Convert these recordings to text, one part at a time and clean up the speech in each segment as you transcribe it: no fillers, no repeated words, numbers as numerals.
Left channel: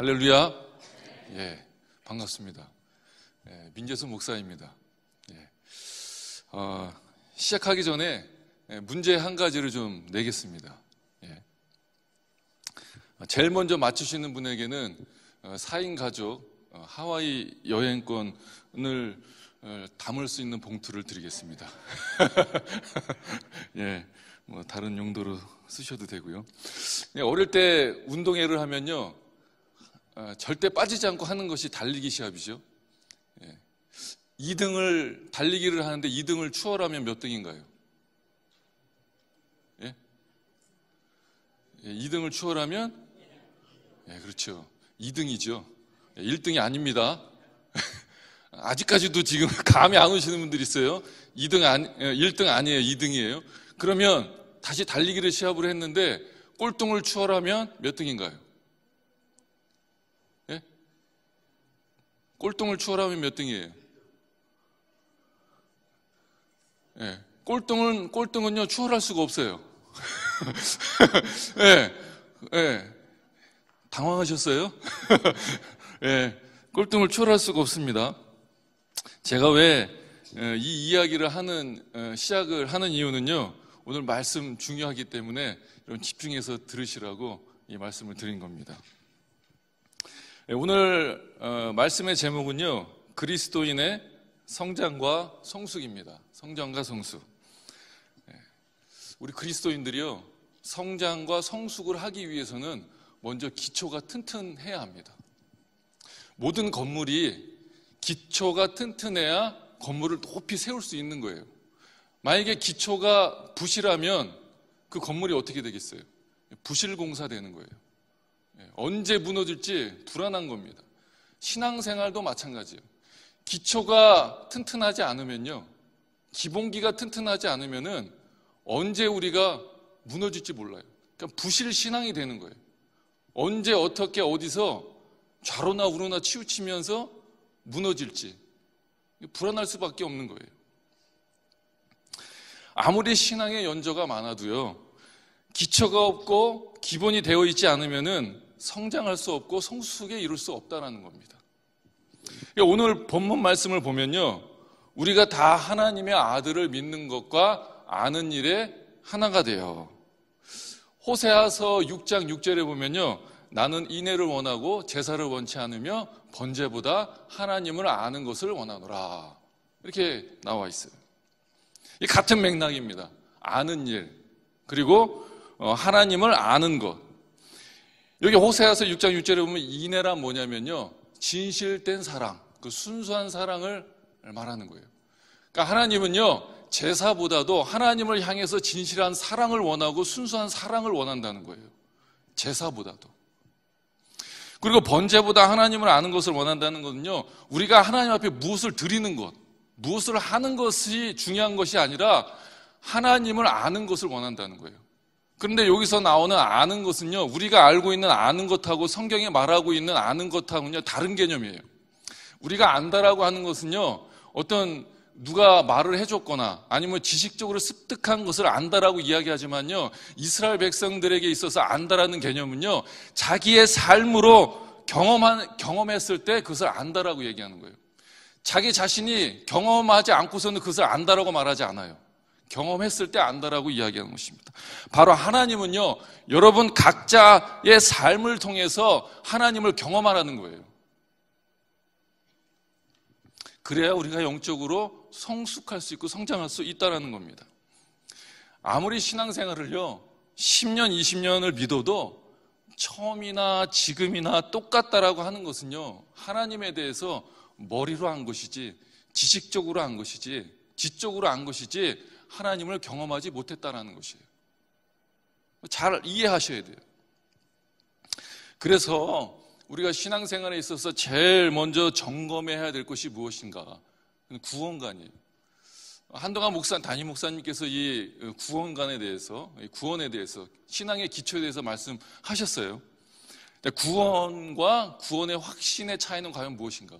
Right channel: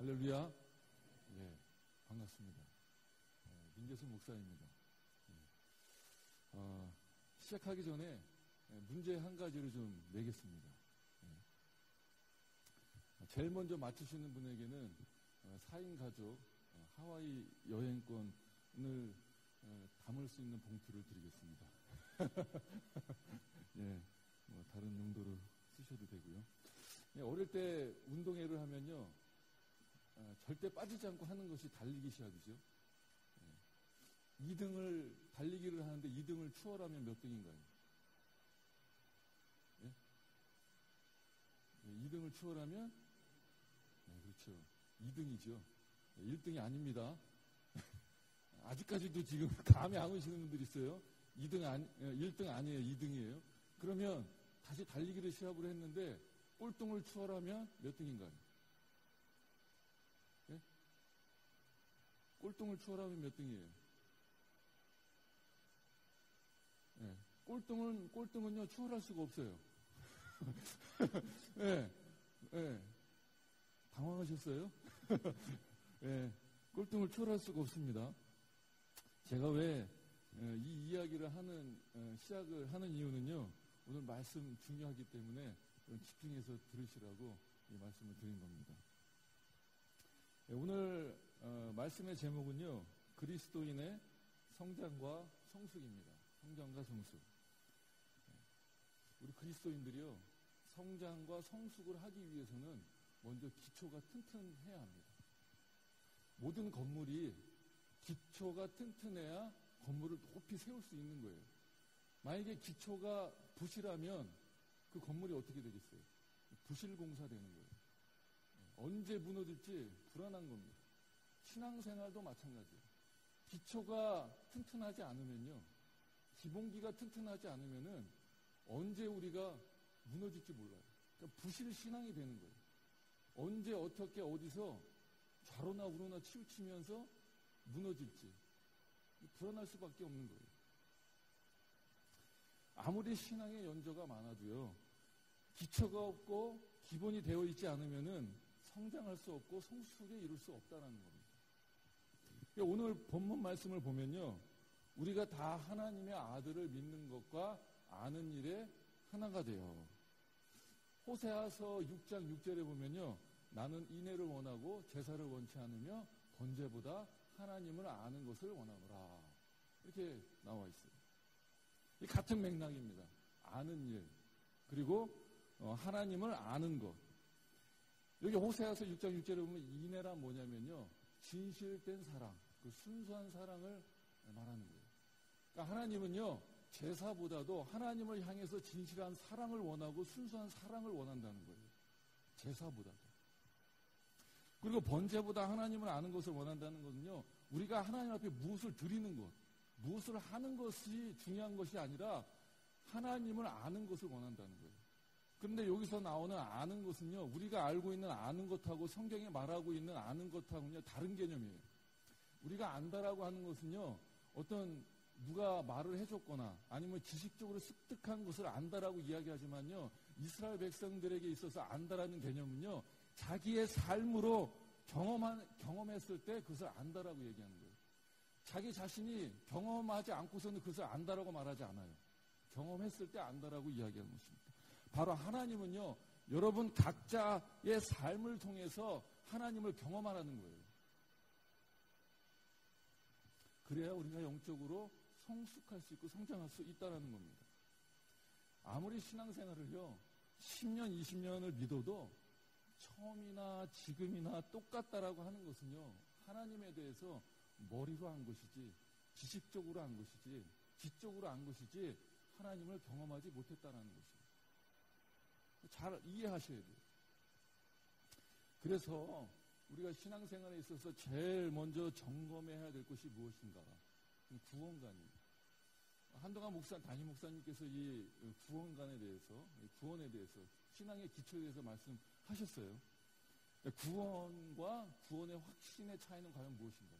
할렐루야. 예, 반갑습니다. 예, 민재수 목사입니다. 예, 시작하기 전에 문제 한 가지를 좀 내겠습니다. 예, 제일 먼저 맞추시는 분에게는 4인 가족 하와이 여행권을 담을 수 있는 봉투를 드리겠습니다. 예, 뭐 다른 용도로 쓰셔도 되고요. 예, 어릴 때 운동회를 하면요, 절대 빠지지 않고 하는 것이 달리기 시합이죠. 예. 2등을 달리기를 하는데 2등을 추월하면 몇 등인가요? 예? 예, 2등을 추월하면 예, 그렇죠. 2등이죠. 예, 1등이 아닙니다. 아직까지도 지금 감이 안 오시는 분들이 있어요. 1등 아니에요. 2등이에요. 그러면 다시 달리기를 시합을 했는데 꼴등을 추월하면 몇 등인가요? 꼴등을 추월하면 몇 등이에요? 예, 꼴등은요, 추월할 수가 없어요. 예, 예, 당황하셨어요? 예, 꼴등을 추월할 수가 없습니다. 제가 왜 이 이야기를 시작을 하는 이유는요, 오늘 말씀 중요하기 때문에 여러분 집중해서 들으시라고 이 말씀을 드린 겁니다. 오늘 말씀의 제목은요, 그리스도인의 성장과 성숙입니다. 성장과 성숙. 우리 그리스도인들이요, 성장과 성숙을 하기 위해서는 먼저 기초가 튼튼해야 합니다. 모든 건물이 기초가 튼튼해야 건물을 높이 세울 수 있는 거예요. 만약에 기초가 부실하면 그 건물이 어떻게 되겠어요? 부실공사 되는 거예요. 언제 무너질지 불안한 겁니다. 신앙생활도 마찬가지예요. 기초가 튼튼하지 않으면요, 기본기가 튼튼하지 않으면은 언제 우리가 무너질지 몰라요. 그러니까 부실 신앙이 되는 거예요. 언제 어떻게 어디서 좌로나 우로나 치우치면서 무너질지 불안할 수밖에 없는 거예요. 아무리 신앙의 연조가 많아도요, 기초가 없고 기본이 되어 있지 않으면은 성장할 수 없고 성숙에 이룰 수 없다는 겁니다. 오늘 본문 말씀을 보면요, 우리가 다 하나님의 아들을 믿는 것과 아는 일에 하나가 돼요. 호세아서 6장 6절에 보면요, 나는 인애를 원하고 제사를 원치 않으며 번제보다 하나님을 아는 것을 원하노라, 이렇게 나와 있어요. 이 같은 맥락입니다. 아는 일, 그리고 하나님을 아는 것. 여기 호세아서 6장 6절에 보면 인애란 뭐냐면요, 진실된 사랑, 그 순수한 사랑을 말하는 거예요. 그러니까 하나님은요, 제사보다도 하나님을 향해서 진실한 사랑을 원하고 순수한 사랑을 원한다는 거예요. 제사보다도. 그리고 번제보다 하나님을 아는 것을 원한다는 것은요, 우리가 하나님 앞에 무엇을 드리는 것, 무엇을 하는 것이 중요한 것이 아니라 하나님을 아는 것을 원한다는 거예요. 그런데 여기서 나오는 아는 것은요, 우리가 알고 있는 아는 것하고 성경에 말하고 있는 아는 것하고는요, 다른 개념이에요. 우리가 안다라고 하는 것은요, 어떤 누가 말을 해줬거나 아니면 지식적으로 습득한 것을 안다라고 이야기하지만요, 이스라엘 백성들에게 있어서 안다라는 개념은요, 자기의 삶으로 경험했을 때 그것을 안다라고 얘기하는 거예요. 자기 자신이 경험하지 않고서는 그것을 안다라고 말하지 않아요. 경험했을 때 안다라고 이야기하는 것입니다. 바로 하나님은요, 여러분 각자의 삶을 통해서 하나님을 경험하라는 거예요. 그래야 우리가 영적으로 성숙할 수 있고 성장할 수 있다는 겁니다. 아무리 신앙생활을요 10년, 20년을 믿어도 처음이나 지금이나 똑같다라고 하는 것은요, 하나님에 대해서 머리로 한 것이지 지식적으로 한 것이지 지적으로 한 것이지 하나님을 경험하지 못했다는 것이에요. 잘 이해하셔야 돼요. 그래서 우리가 신앙생활에 있어서 제일 먼저 점검해야 될 것이 무엇인가? 구원관이에요. 한동안 담임 목사님께서 이 구원관에 대해서, 구원에 대해서, 신앙의 기초에 대해서 말씀하셨어요. 구원과 구원의 확신의 차이는 과연 무엇인가?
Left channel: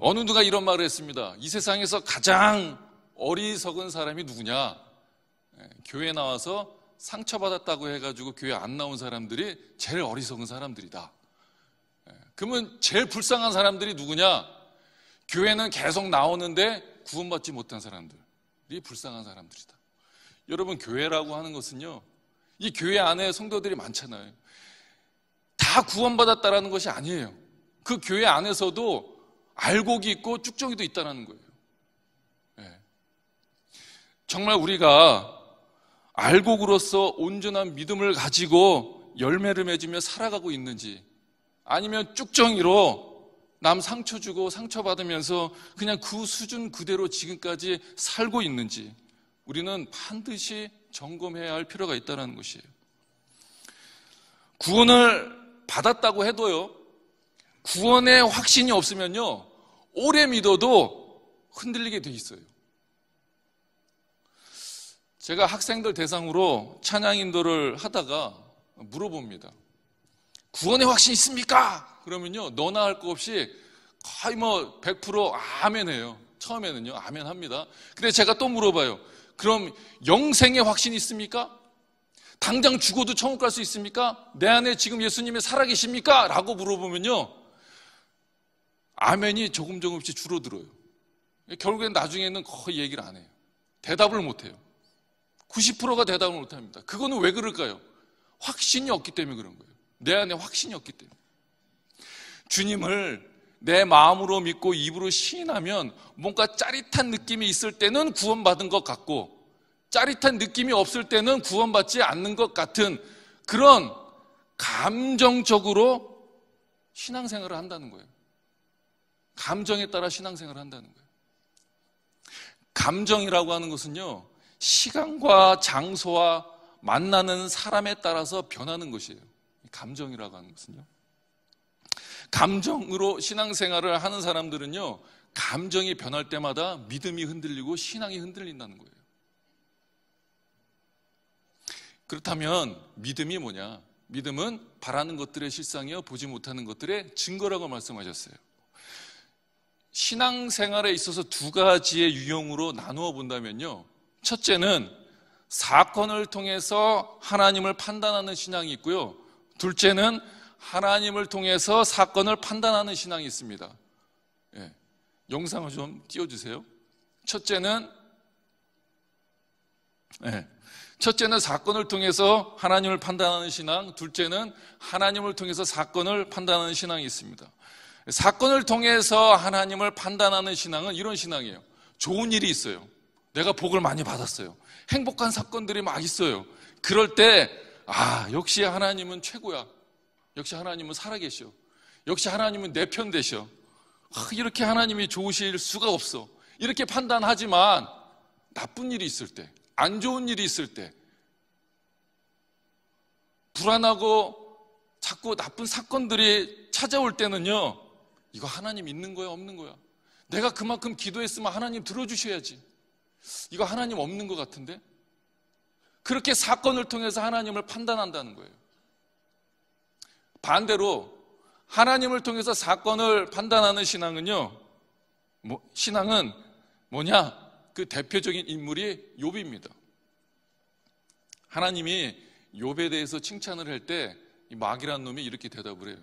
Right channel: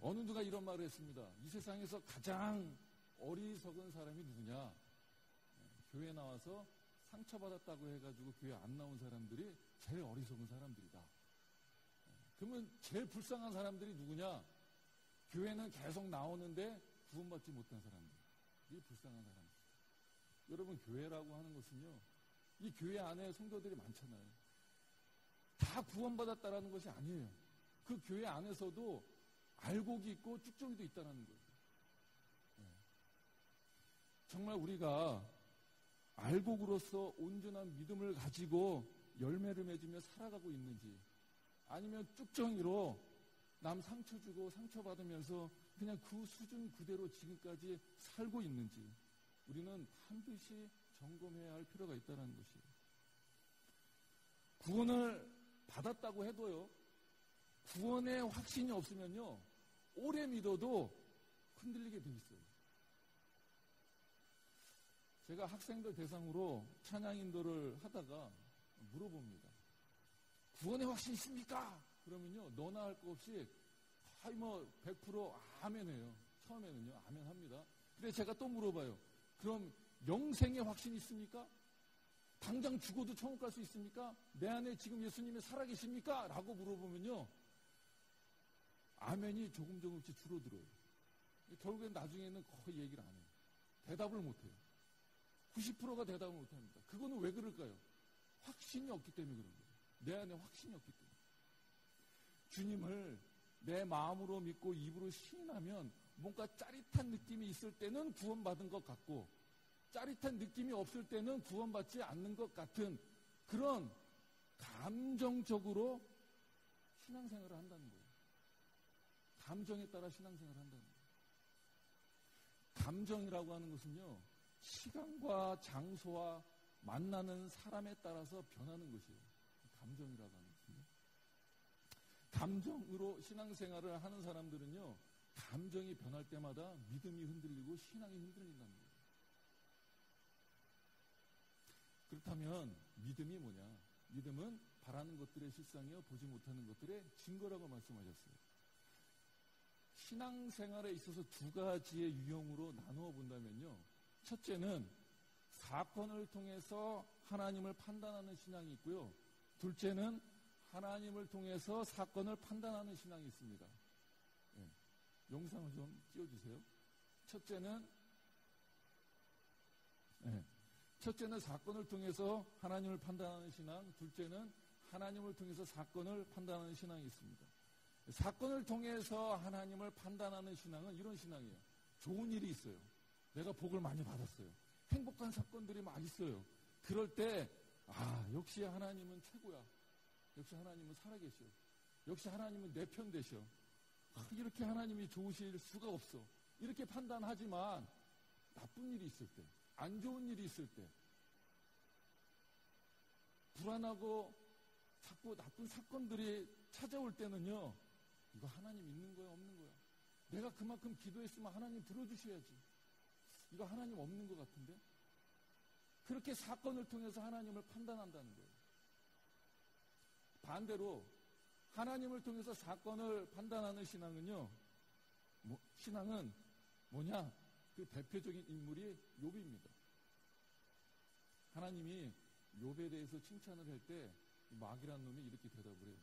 어느 누가 이런 말을 했습니다. 이 세상에서 가장 어리석은 사람이 누구냐? 교회에 나와서 상처받았다고 해가지고 교회 안 나온 사람들이 제일 어리석은 사람들이다. 그러면 제일 불쌍한 사람들이 누구냐? 교회는 계속 나오는데 구원받지 못한 사람들이 불쌍한 사람들이다. 여러분, 교회라고 하는 것은요, 이 교회 안에 성도들이 많잖아요. 다 구원받았다라는 것이 아니에요. 그 교회 안에서도 알곡이 있고 쭉정이도 있다는 거예요. 정말 우리가 알곡으로서 온전한 믿음을 가지고 열매를 맺으며 살아가고 있는지, 아니면 쭉정이로 남 상처 주고 상처받으면서 그냥 그 수준 그대로 지금까지 살고 있는지 우리는 반드시 점검해야 할 필요가 있다는 것이에요. 구원을 받았다고 해도요, 구원의 확신이 없으면요, 오래 믿어도 흔들리게 돼 있어요. 제가 학생들 대상으로 찬양 인도를 하다가 물어봅니다. 구원의 확신 있습니까? 그러면요, 너나 할 거 없이 거의 100% 아멘 해요. 처음에는요, 아멘 합니다. 근데 제가 또 물어봐요. 그럼 영생의 확신 있습니까? 당장 죽어도 천국 갈 수 있습니까? 내 안에 지금 예수님이 살아계십니까? 라고 물어보면요, 아멘이 조금씩 줄어들어요. 결국엔 나중에는 거의 얘기를 안 해요. 대답을 못 해요. 90%가 대답을 못 합니다. 그거는 왜 그럴까요? 확신이 없기 때문에 그런 거예요. 내 안에 확신이 없기 때문에. 주님을 내 마음으로 믿고 입으로 시인하면 뭔가 짜릿한 느낌이 있을 때는 구원받은 것 같고, 짜릿한 느낌이 없을 때는 구원받지 않는 것 같은 그런 감정적으로 신앙생활을 한다는 거예요. 감정에 따라 신앙생활을 한다는 거예요. 감정이라고 하는 것은요, 시간과 장소와 만나는 사람에 따라서 변하는 것이에요. 감정이라고 하는 것은요, 감정으로 신앙생활을 하는 사람들은요, 감정이 변할 때마다 믿음이 흔들리고 신앙이 흔들린다는 거예요. 그렇다면 믿음이 뭐냐? 믿음은 바라는 것들의 실상이요, 보지 못하는 것들의 증거라고 말씀하셨어요. 신앙생활에 있어서 두 가지의 유형으로 나누어 본다면요, 첫째는 사건을 통해서 하나님을 판단하는 신앙이 있고요, 둘째는 하나님을 통해서 사건을 판단하는 신앙이 있습니다. 영상을 좀 띄워주세요. 첫째는 사건을 통해서 하나님을 판단하는 신앙, 둘째는 하나님을 통해서 사건을 판단하는 신앙이 있습니다. 사건을 통해서 하나님을 판단하는 신앙은 이런 신앙이에요. 좋은 일이 있어요. 내가 복을 많이 받았어요. 행복한 사건들이 막 있어요. 그럴 때 역시 하나님은 최고야. 역시 하나님은 살아계셔. 역시 하나님은 내 편 되셔. 이렇게 하나님이 좋으실 수가 없어. 이렇게 판단하지만 나쁜 일이 있을 때, 안 좋은 일이 있을 때, 불안하고 자꾸 나쁜 사건들이 찾아올 때는요, 이거 하나님 있는 거야, 없는 거야? 내가 그만큼 기도했으면 하나님 들어주셔야지. 이거 하나님 없는 것 같은데? 그렇게 사건을 통해서 하나님을 판단한다는 거예요. 반대로 하나님을 통해서 사건을 판단하는 신앙은요, 신앙은 뭐냐? 그 대표적인 인물이 욥입니다. 하나님이 욥에 대해서 칭찬을 할 때 이 마귀라는 놈이 이렇게 대답을 해요.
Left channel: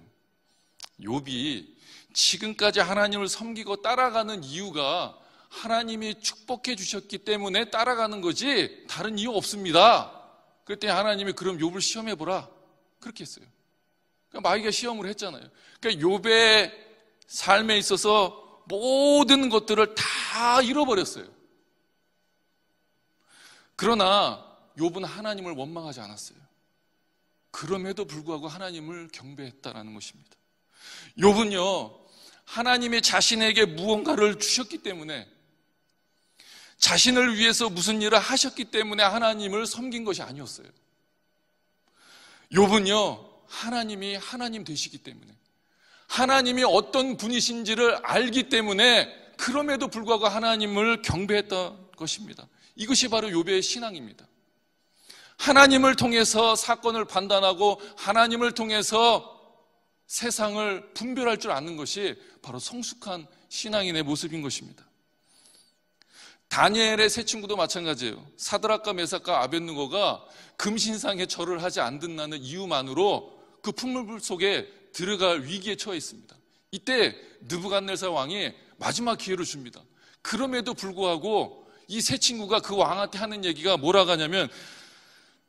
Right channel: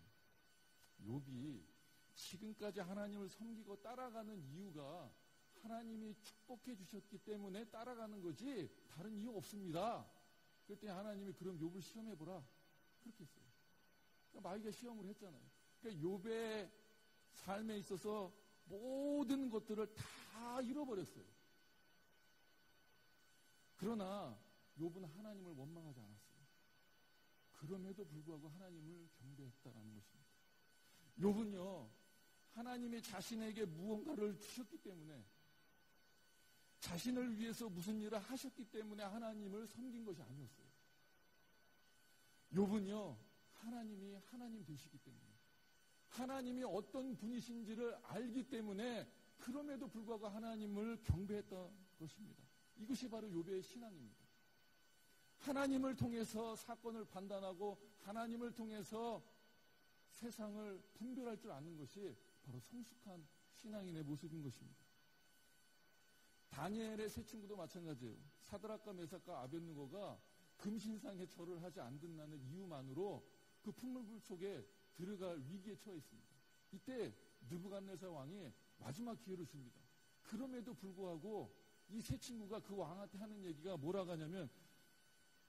욥이 지금까지 하나님을 섬기고 따라가는 이유가 하나님이 축복해 주셨기 때문에 따라가는 거지 다른 이유 없습니다. 그랬더니 하나님이 그럼 욥을 시험해 보라, 그렇게 했어요. 그러니까 마귀가 시험을 했잖아요. 그러니까 욥의 삶에 있어서 모든 것들을 다 잃어버렸어요. 그러나 욥은 하나님을 원망하지 않았어요. 그럼에도 불구하고 하나님을 경배했다라는 것입니다. 욥은요, 하나님이 자신에게 무언가를 주셨기 때문에, 자신을 위해서 무슨 일을 하셨기 때문에 하나님을 섬긴 것이 아니었어요. 욥은요, 하나님이 하나님 되시기 때문에, 하나님이 어떤 분이신지를 알기 때문에 그럼에도 불구하고 하나님을 경배했던 것입니다. 이것이 바로 욥의 신앙입니다. 하나님을 통해서 사건을 판단하고 하나님을 통해서 세상을 분별할 줄 아는 것이 바로 성숙한 신앙인의 모습인 것입니다. 다니엘의 세 친구도 마찬가지예요. 사드락과 메삭과 아벳느고가 금신상에 절을 하지 않는다는 이유만으로 그 풍물불 속에 들어갈 위기에 처해 있습니다. 이때 느부갓네살 왕이 마지막 기회를 줍니다. 그럼에도 불구하고 이 세 친구가 그 왕한테 하는 얘기가 뭐라고 하냐면,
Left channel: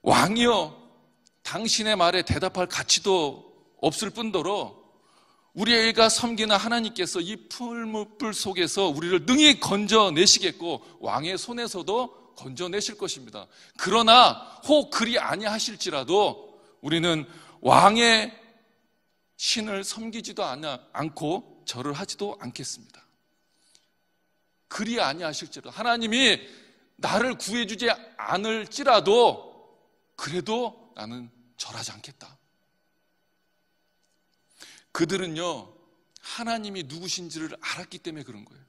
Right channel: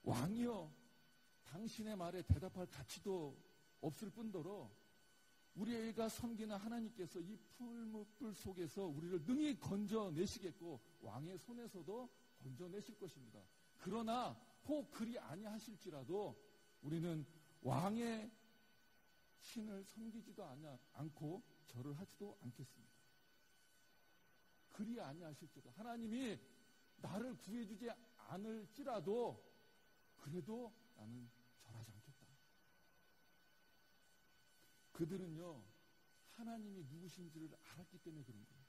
왕이여, 당신의 말에 대답할 가치도 없을 뿐더러 우리가 섬기는 하나님께서 이 풀무불 속에서 우리를 능히 건져내시겠고 왕의 손에서도 건져내실 것입니다. 그러나 혹 그리 아니하실지라도 우리는 왕의 신을 섬기지도 않고 절을 하지도 않겠습니다. 그리 아니하실지라도, 하나님이 나를 구해주지 않을지라도 그래도 나는 절하지 않겠다. 그들은요, 하나님이 누구신지를 알았기 때문에 그런 거예요.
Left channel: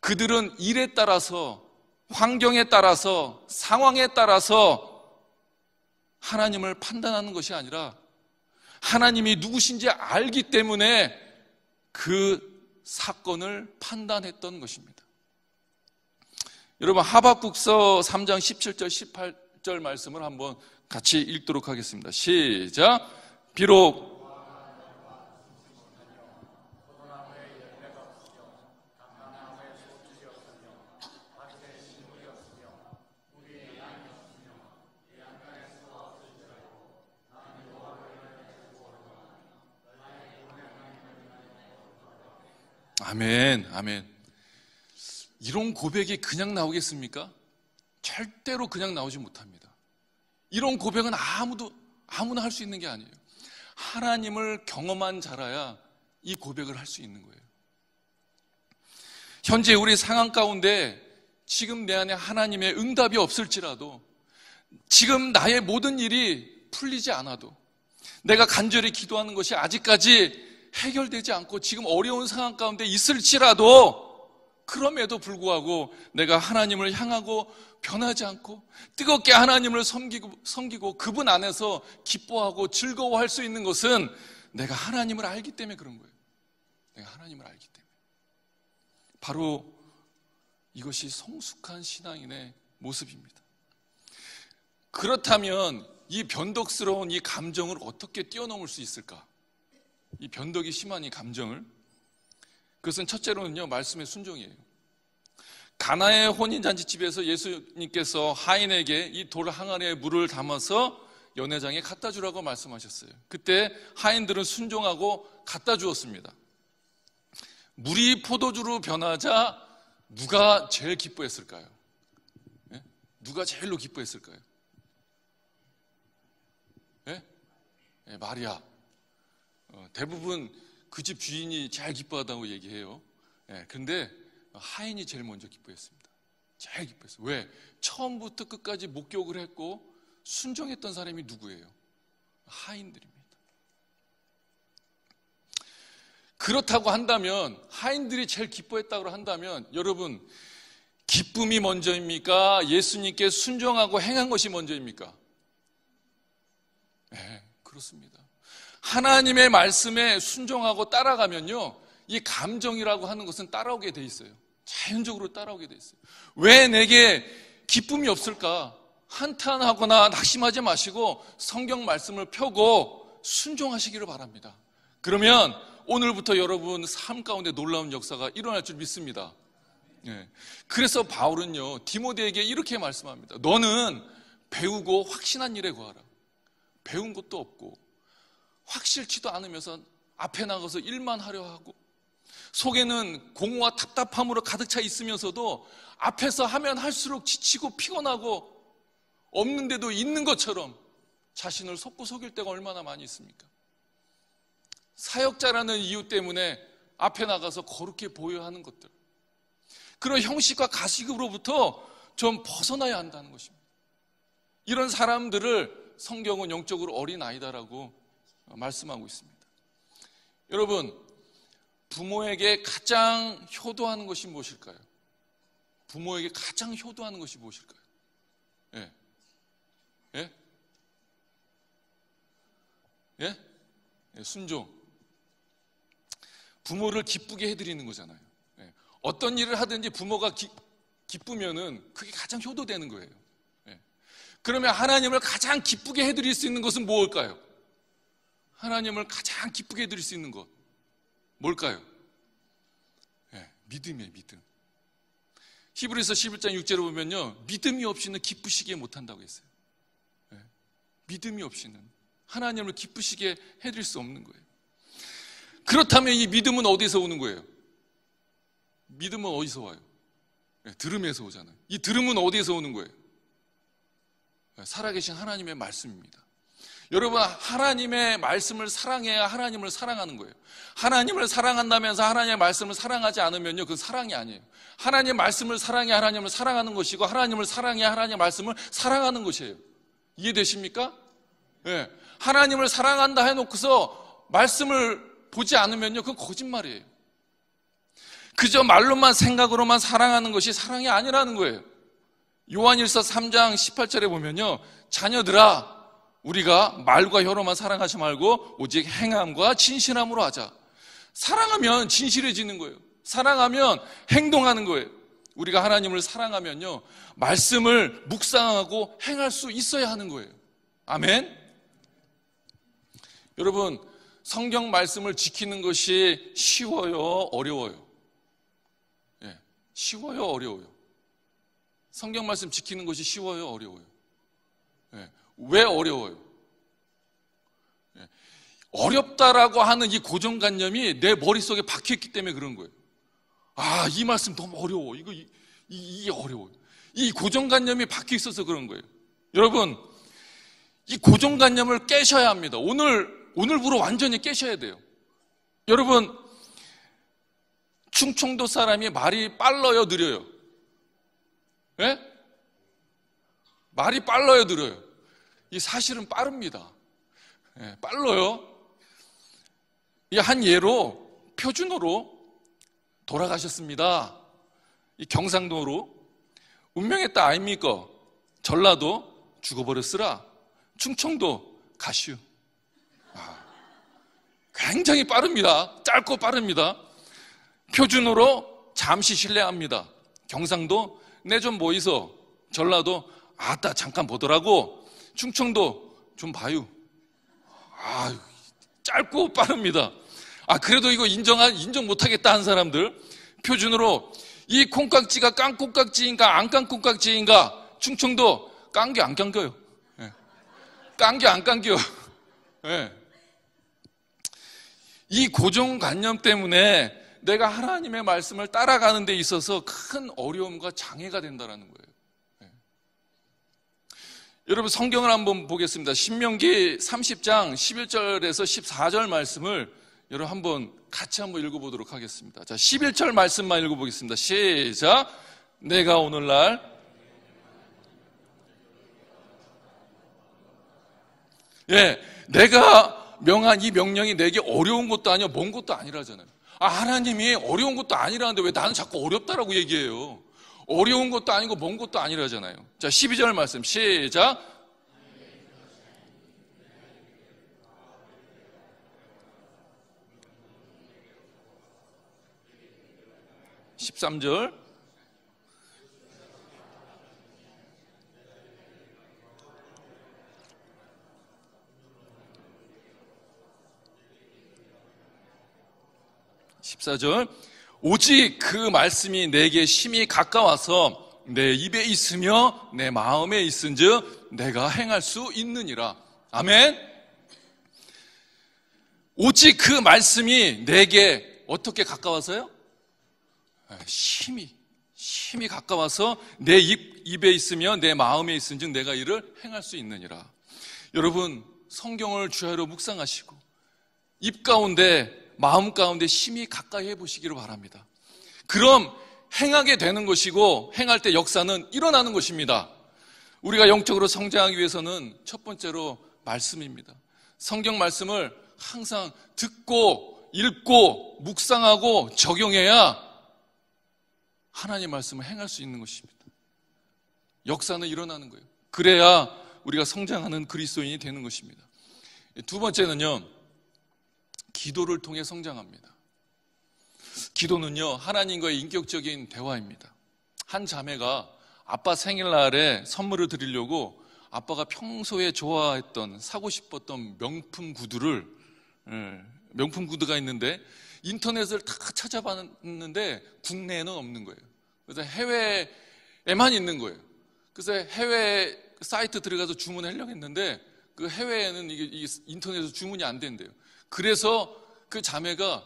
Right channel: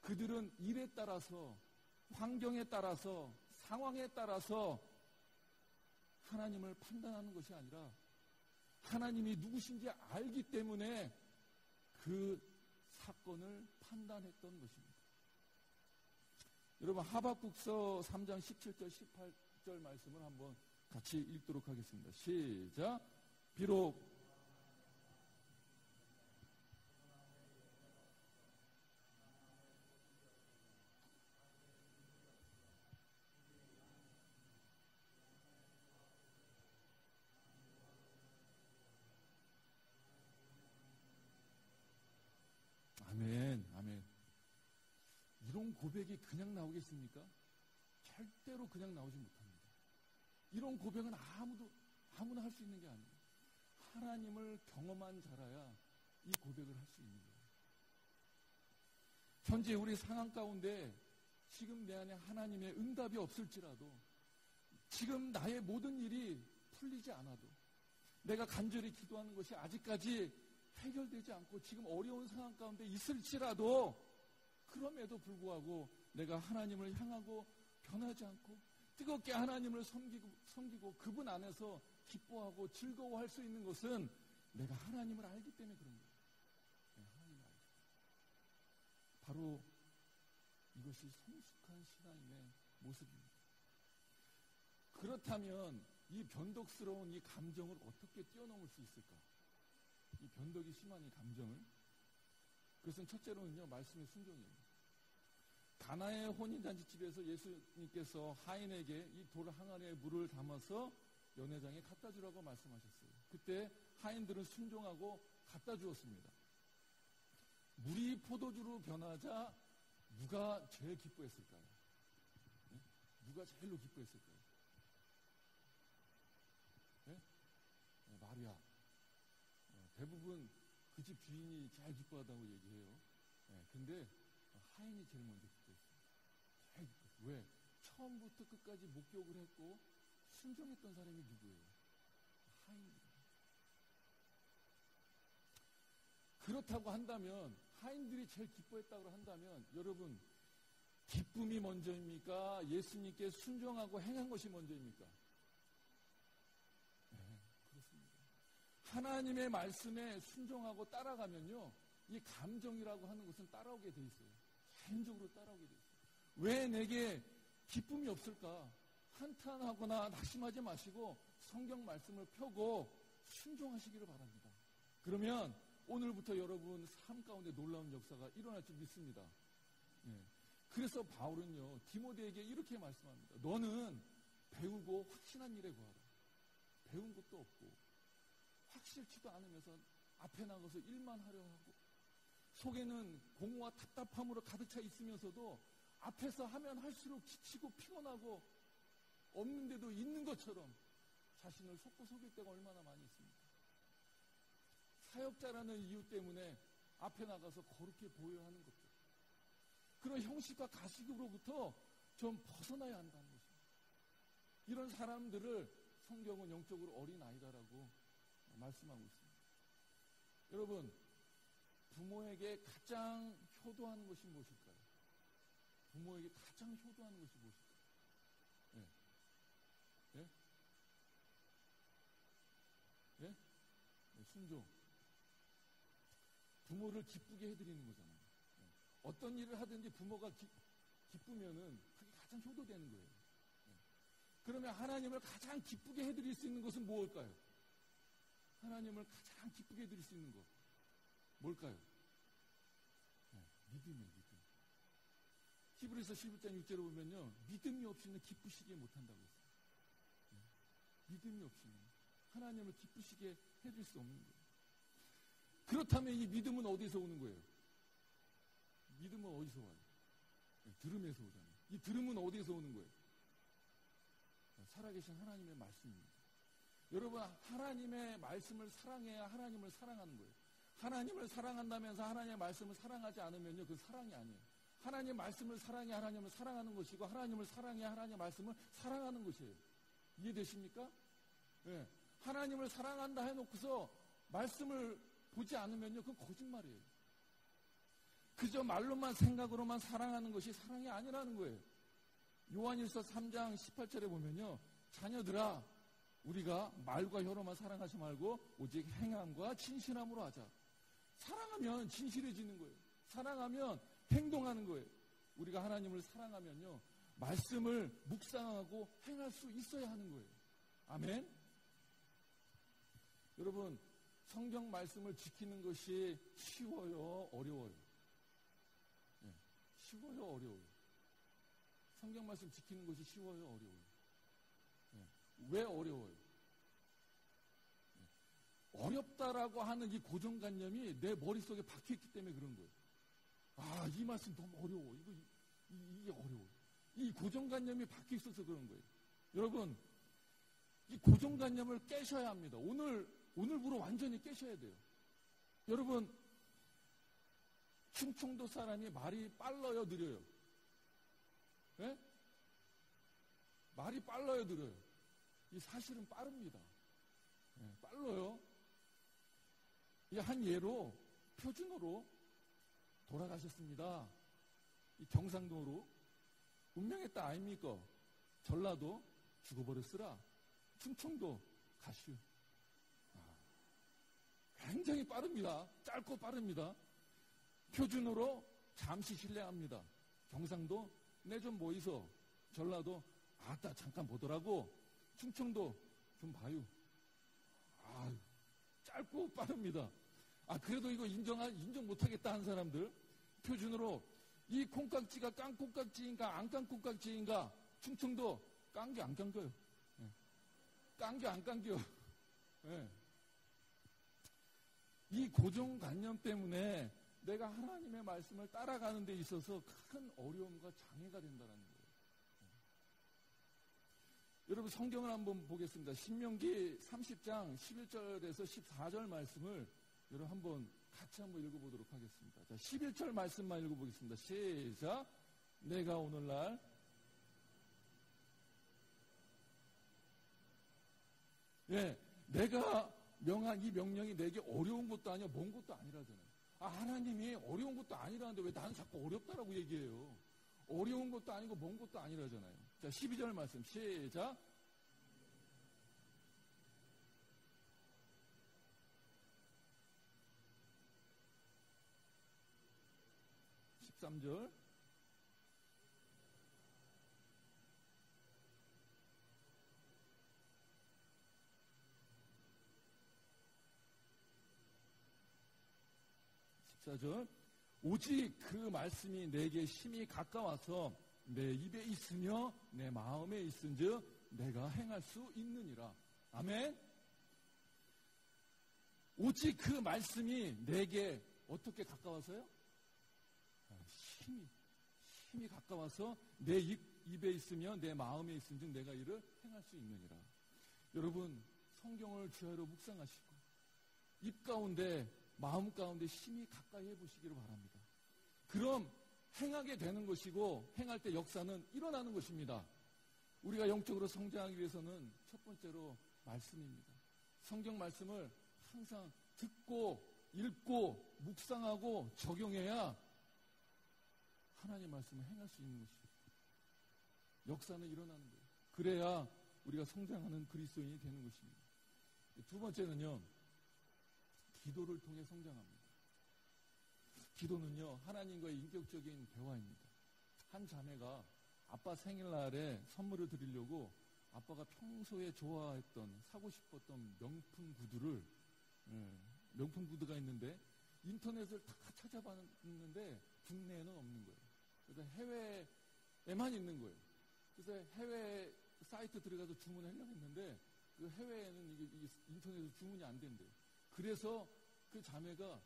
그들은 일에 따라서, 환경에 따라서, 상황에 따라서 하나님을 판단하는 것이 아니라 하나님이 누구신지 알기 때문에 그 사건을 판단했던 것입니다. 여러분, 하박국서 3장 17절 18절 말씀을 한번 같이 읽도록 하겠습니다. 시작. 비록 아멘, 아멘. 이런 고백이 그냥 나오겠습니까? 절대로 그냥 나오지 못합니다. 이런 고백은 아무나 할 수 있는 게 아니에요. 하나님을 경험한 자라야 이 고백을 할 수 있는 거예요. 현재 우리 상황 가운데 지금 내 안에 하나님의 응답이 없을지라도, 지금 나의 모든 일이 풀리지 않아도, 내가 간절히 기도하는 것이 아직까지 해결되지 않고 지금 어려운 상황 가운데 있을지라도, 그럼에도 불구하고 내가 하나님을 향하고 변하지 않고 뜨겁게 하나님을 섬기고 그분 안에서 기뻐하고 즐거워할 수 있는 것은 내가 하나님을 알기 때문에 그런 거예요. 내가 하나님을 알기 때문에. 바로 이것이 성숙한 신앙인의 모습입니다. 그렇다면 이 변덕스러운 이 감정을 어떻게 뛰어넘을 수 있을까? 이 변덕이 심한 이 감정을, 그것은 첫째로는요, 말씀의 순종이에요. 가나의 혼인잔치집에서 예수님께서 하인에게 이 돌 항아리에 물을 담아서 연회장에 갖다 주라고 말씀하셨어요. 그때 하인들은 순종하고 갖다 주었습니다. 물이 포도주로 변하자 누가 제일 기뻐했을까요? 네? 누가 제일로 기뻐했을까요? 네? 네, 마리아. 대부분 그 집 주인이 제일 기뻐하다고 얘기해요. 그런데 하인이 제일 먼저 기뻐했습니다. 제일 기뻐했어요. 왜? 처음부터 끝까지 목격을 했고 순종했던 사람이 누구예요? 하인들입니다. 그렇다고 한다면, 하인들이 제일 기뻐했다고 한다면, 여러분, 기쁨이 먼저입니까? 예수님께 순종하고 행한 것이 먼저입니까? 네, 그렇습니다. 하나님의 말씀에 순종하고 따라가면요, 이 감정이라고 하는 것은 따라오게 돼 있어요. 자연적으로 따라오게 돼 있어요. 왜 내게 기쁨이 없을까? 한탄하거나 낙심하지 마시고 성경 말씀을 펴고 순종하시기를 바랍니다. 그러면 오늘부터 여러분 삶 가운데 놀라운 역사가 일어날 줄 믿습니다. 그래서 바울은요, 디모데에게 이렇게 말씀합니다. 너는 배우고 확신한 일에 구하라. 배운 것도 없고 확실치도 않으면서 앞에 나가서 일만 하려 하고, 속에는 공허와 답답함으로 가득 차 있으면서도 앞에서 하면 할수록 지치고 피곤하고 없는데도 있는 것처럼 자신을 속고 속일 때가 얼마나 많이 있습니까? 사역자라는 이유 때문에 앞에 나가서 거룩해 보여야 하는 것들, 그런 형식과 가식으로부터 좀 벗어나야 한다는 것입니다. 이런 사람들을 성경은 영적으로 어린아이다라고 말씀하고 있습니다. 여러분, 부모에게 가장 효도하는 것이 무엇일까요? 부모에게 가장 효도하는 것이 무엇일까요? 예? 예? 예? 예, 순종. 부모를 기쁘게 해드리는 거잖아요. 예. 어떤 일을 하든지 부모가 기쁘면은 그게 가장 효도되는 거예요. 예. 그러면 하나님을 가장 기쁘게 해드릴 수 있는 것은 무엇일까요? 하나님을 가장 기쁘게 해드릴 수 있는 것 뭘까요? 예, 믿음이에요. 믿음. 히브리서 11장 6절을 보면요, 믿음이 없이는 기쁘시게 못한다고 했어요. 예, 믿음이 없이는 하나님을 기쁘시게 해드릴 수 없는 거예요. 그렇다면 이 믿음은 어디서 오는 거예요? 믿음은 어디서 와요? 예, 들음에서 오잖아요. 이 들음은 어디에서 오는 거예요? 예, 살아계신 하나님의 말씀입니다. 여러분, 하나님의 말씀을 사랑해야 하나님을 사랑하는 거예요. 하나님을 사랑한다면서 하나님의 말씀을 사랑하지 않으면요, 그건 사랑이 아니에요. 하나님의 말씀을 사랑해야 하나님을 사랑하는 것이고, 하나님을 사랑해야 하나님의 말씀을 사랑하는 것이에요. 이해되십니까? 예, 하나님을 사랑한다 해놓고서 말씀을 보지 않으면요, 그건 거짓말이에요. 그저 말로만 생각으로만 사랑하는 것이 사랑이 아니라는 거예요. 요한일서 3장 18절에 보면요, 자녀들아, 우리가 말과 혀로만 사랑하지 말고 오직 행함과 진실함으로 하자. 사랑하면 진실해지는 거예요. 사랑하면 행동하는 거예요. 우리가 하나님을 사랑하면요, 말씀을 묵상하고 행할 수 있어야 하는 거예요. 아멘. 여러분, 성경 말씀을 지키는 것이 쉬워요, 어려워요? 예, 쉬워요, 어려워요? 성경 말씀 지키는 것이 쉬워요, 어려워요? 예, 왜 어려워요? 예, 어렵다라고 하는 이 고정관념이 내 머릿속에 박혀있기 때문에 그런 거예요. 아, 이 말씀 너무 어려워. 이게 어려워요. 이 고정관념이 박혀있어서 그런 거예요. 여러분, 이 고정관념을 깨셔야 합니다. 오늘부로 완전히 깨셔야 돼요. 여러분, 충청도 사람이 말이 빨라요, 느려요? 예? 말이 빨라요, 느려요? 이 사실은 빠릅니다. 예, 빨라요. 이 한 예로 표준어로 돌아가셨습니다. 이 경상도로 운명했다 아닙니까? 전라도 죽어버렸으라. 충청도 가슈. 굉장히 빠릅니다. 짧고 빠릅니다. 표준어로 잠시 실례합니다. 경상도 내 좀 모이소. 전라도 아따 잠깐 보더라고. 충청도 좀 봐요. 아, 짧고 빠릅니다. 아, 그래도 이거 인정 못하겠다 한 사람들, 표준으로 이 콩깍지가 깡콩깍지인가 안 깡콩깍지인가, 충청도 깡겨 안 깡겨요. 예. 깡겨 안 깡겨. 예. 이 고정관념 때문에 내가 하나님의 말씀을 따라가는 데 있어서 큰 어려움과 장애가 된다는 거예요. 예. 여러분, 성경을 한번 보겠습니다. 신명기 30장 11절에서 14절 말씀을 여러분 한번 같이 한번 읽어보도록 하겠습니다. 자, 11절 말씀만 읽어보겠습니다. 시작. 내가 오늘날 내가 명한 이 명령이 내게 어려운 것도 아니야, 먼 것도 아니라잖아요. 아, 하나님이 어려운 것도 아니라는데 왜 나는 자꾸 어렵다라고 얘기해요? 어려운 것도 아니고 먼 것도 아니라잖아요. 자, 12절 말씀 시작. 13절. 오직 그 말씀이 내게 심히 가까워서 내 입에 있으며 내 마음에 있은즉 내가 행할 수 있느니라. 아멘. 오직 그 말씀이 내게 어떻게 가까워서요? 심히 가까워서 내 입에 있으며 내 마음에 있은즉 내가 이를 행할 수 있느니라. 여러분, 성경을 주야로 묵상하시고 입 가운데 마음 가운데 심히 가까이 해보시기를 바랍니다. 그럼 행하게 되는 것이고 행할 때 역사는 일어나는 것입니다. 우리가 영적으로 성장하기 위해서는 첫 번째로 말씀입니다. 성경 말씀을 항상 듣고 읽고 묵상하고 적용해야 하나님 말씀을 행할 수 있는 것입니다. 역사는 일어나는 거예요. 그래야 우리가 성장하는 그리스도인이 되는 것입니다. 두 번째는요, 기도를 통해 성장합니다. 기도는요, 하나님과의 인격적인 대화입니다. 한 자매가 아빠 생일날에 선물을 드리려고 아빠가 평소에 좋아했던, 사고 싶었던 명품 구두가 있는데 인터넷을 다 찾아봤는데 국내에는 없는 거예요. 그래서 해외에만 있는 거예요. 그래서 해외 사이트 들어가서 주문하려고 했는데 그 해외에는 이게 인터넷에서 주문이 안 된대요. 그래서 그 자매가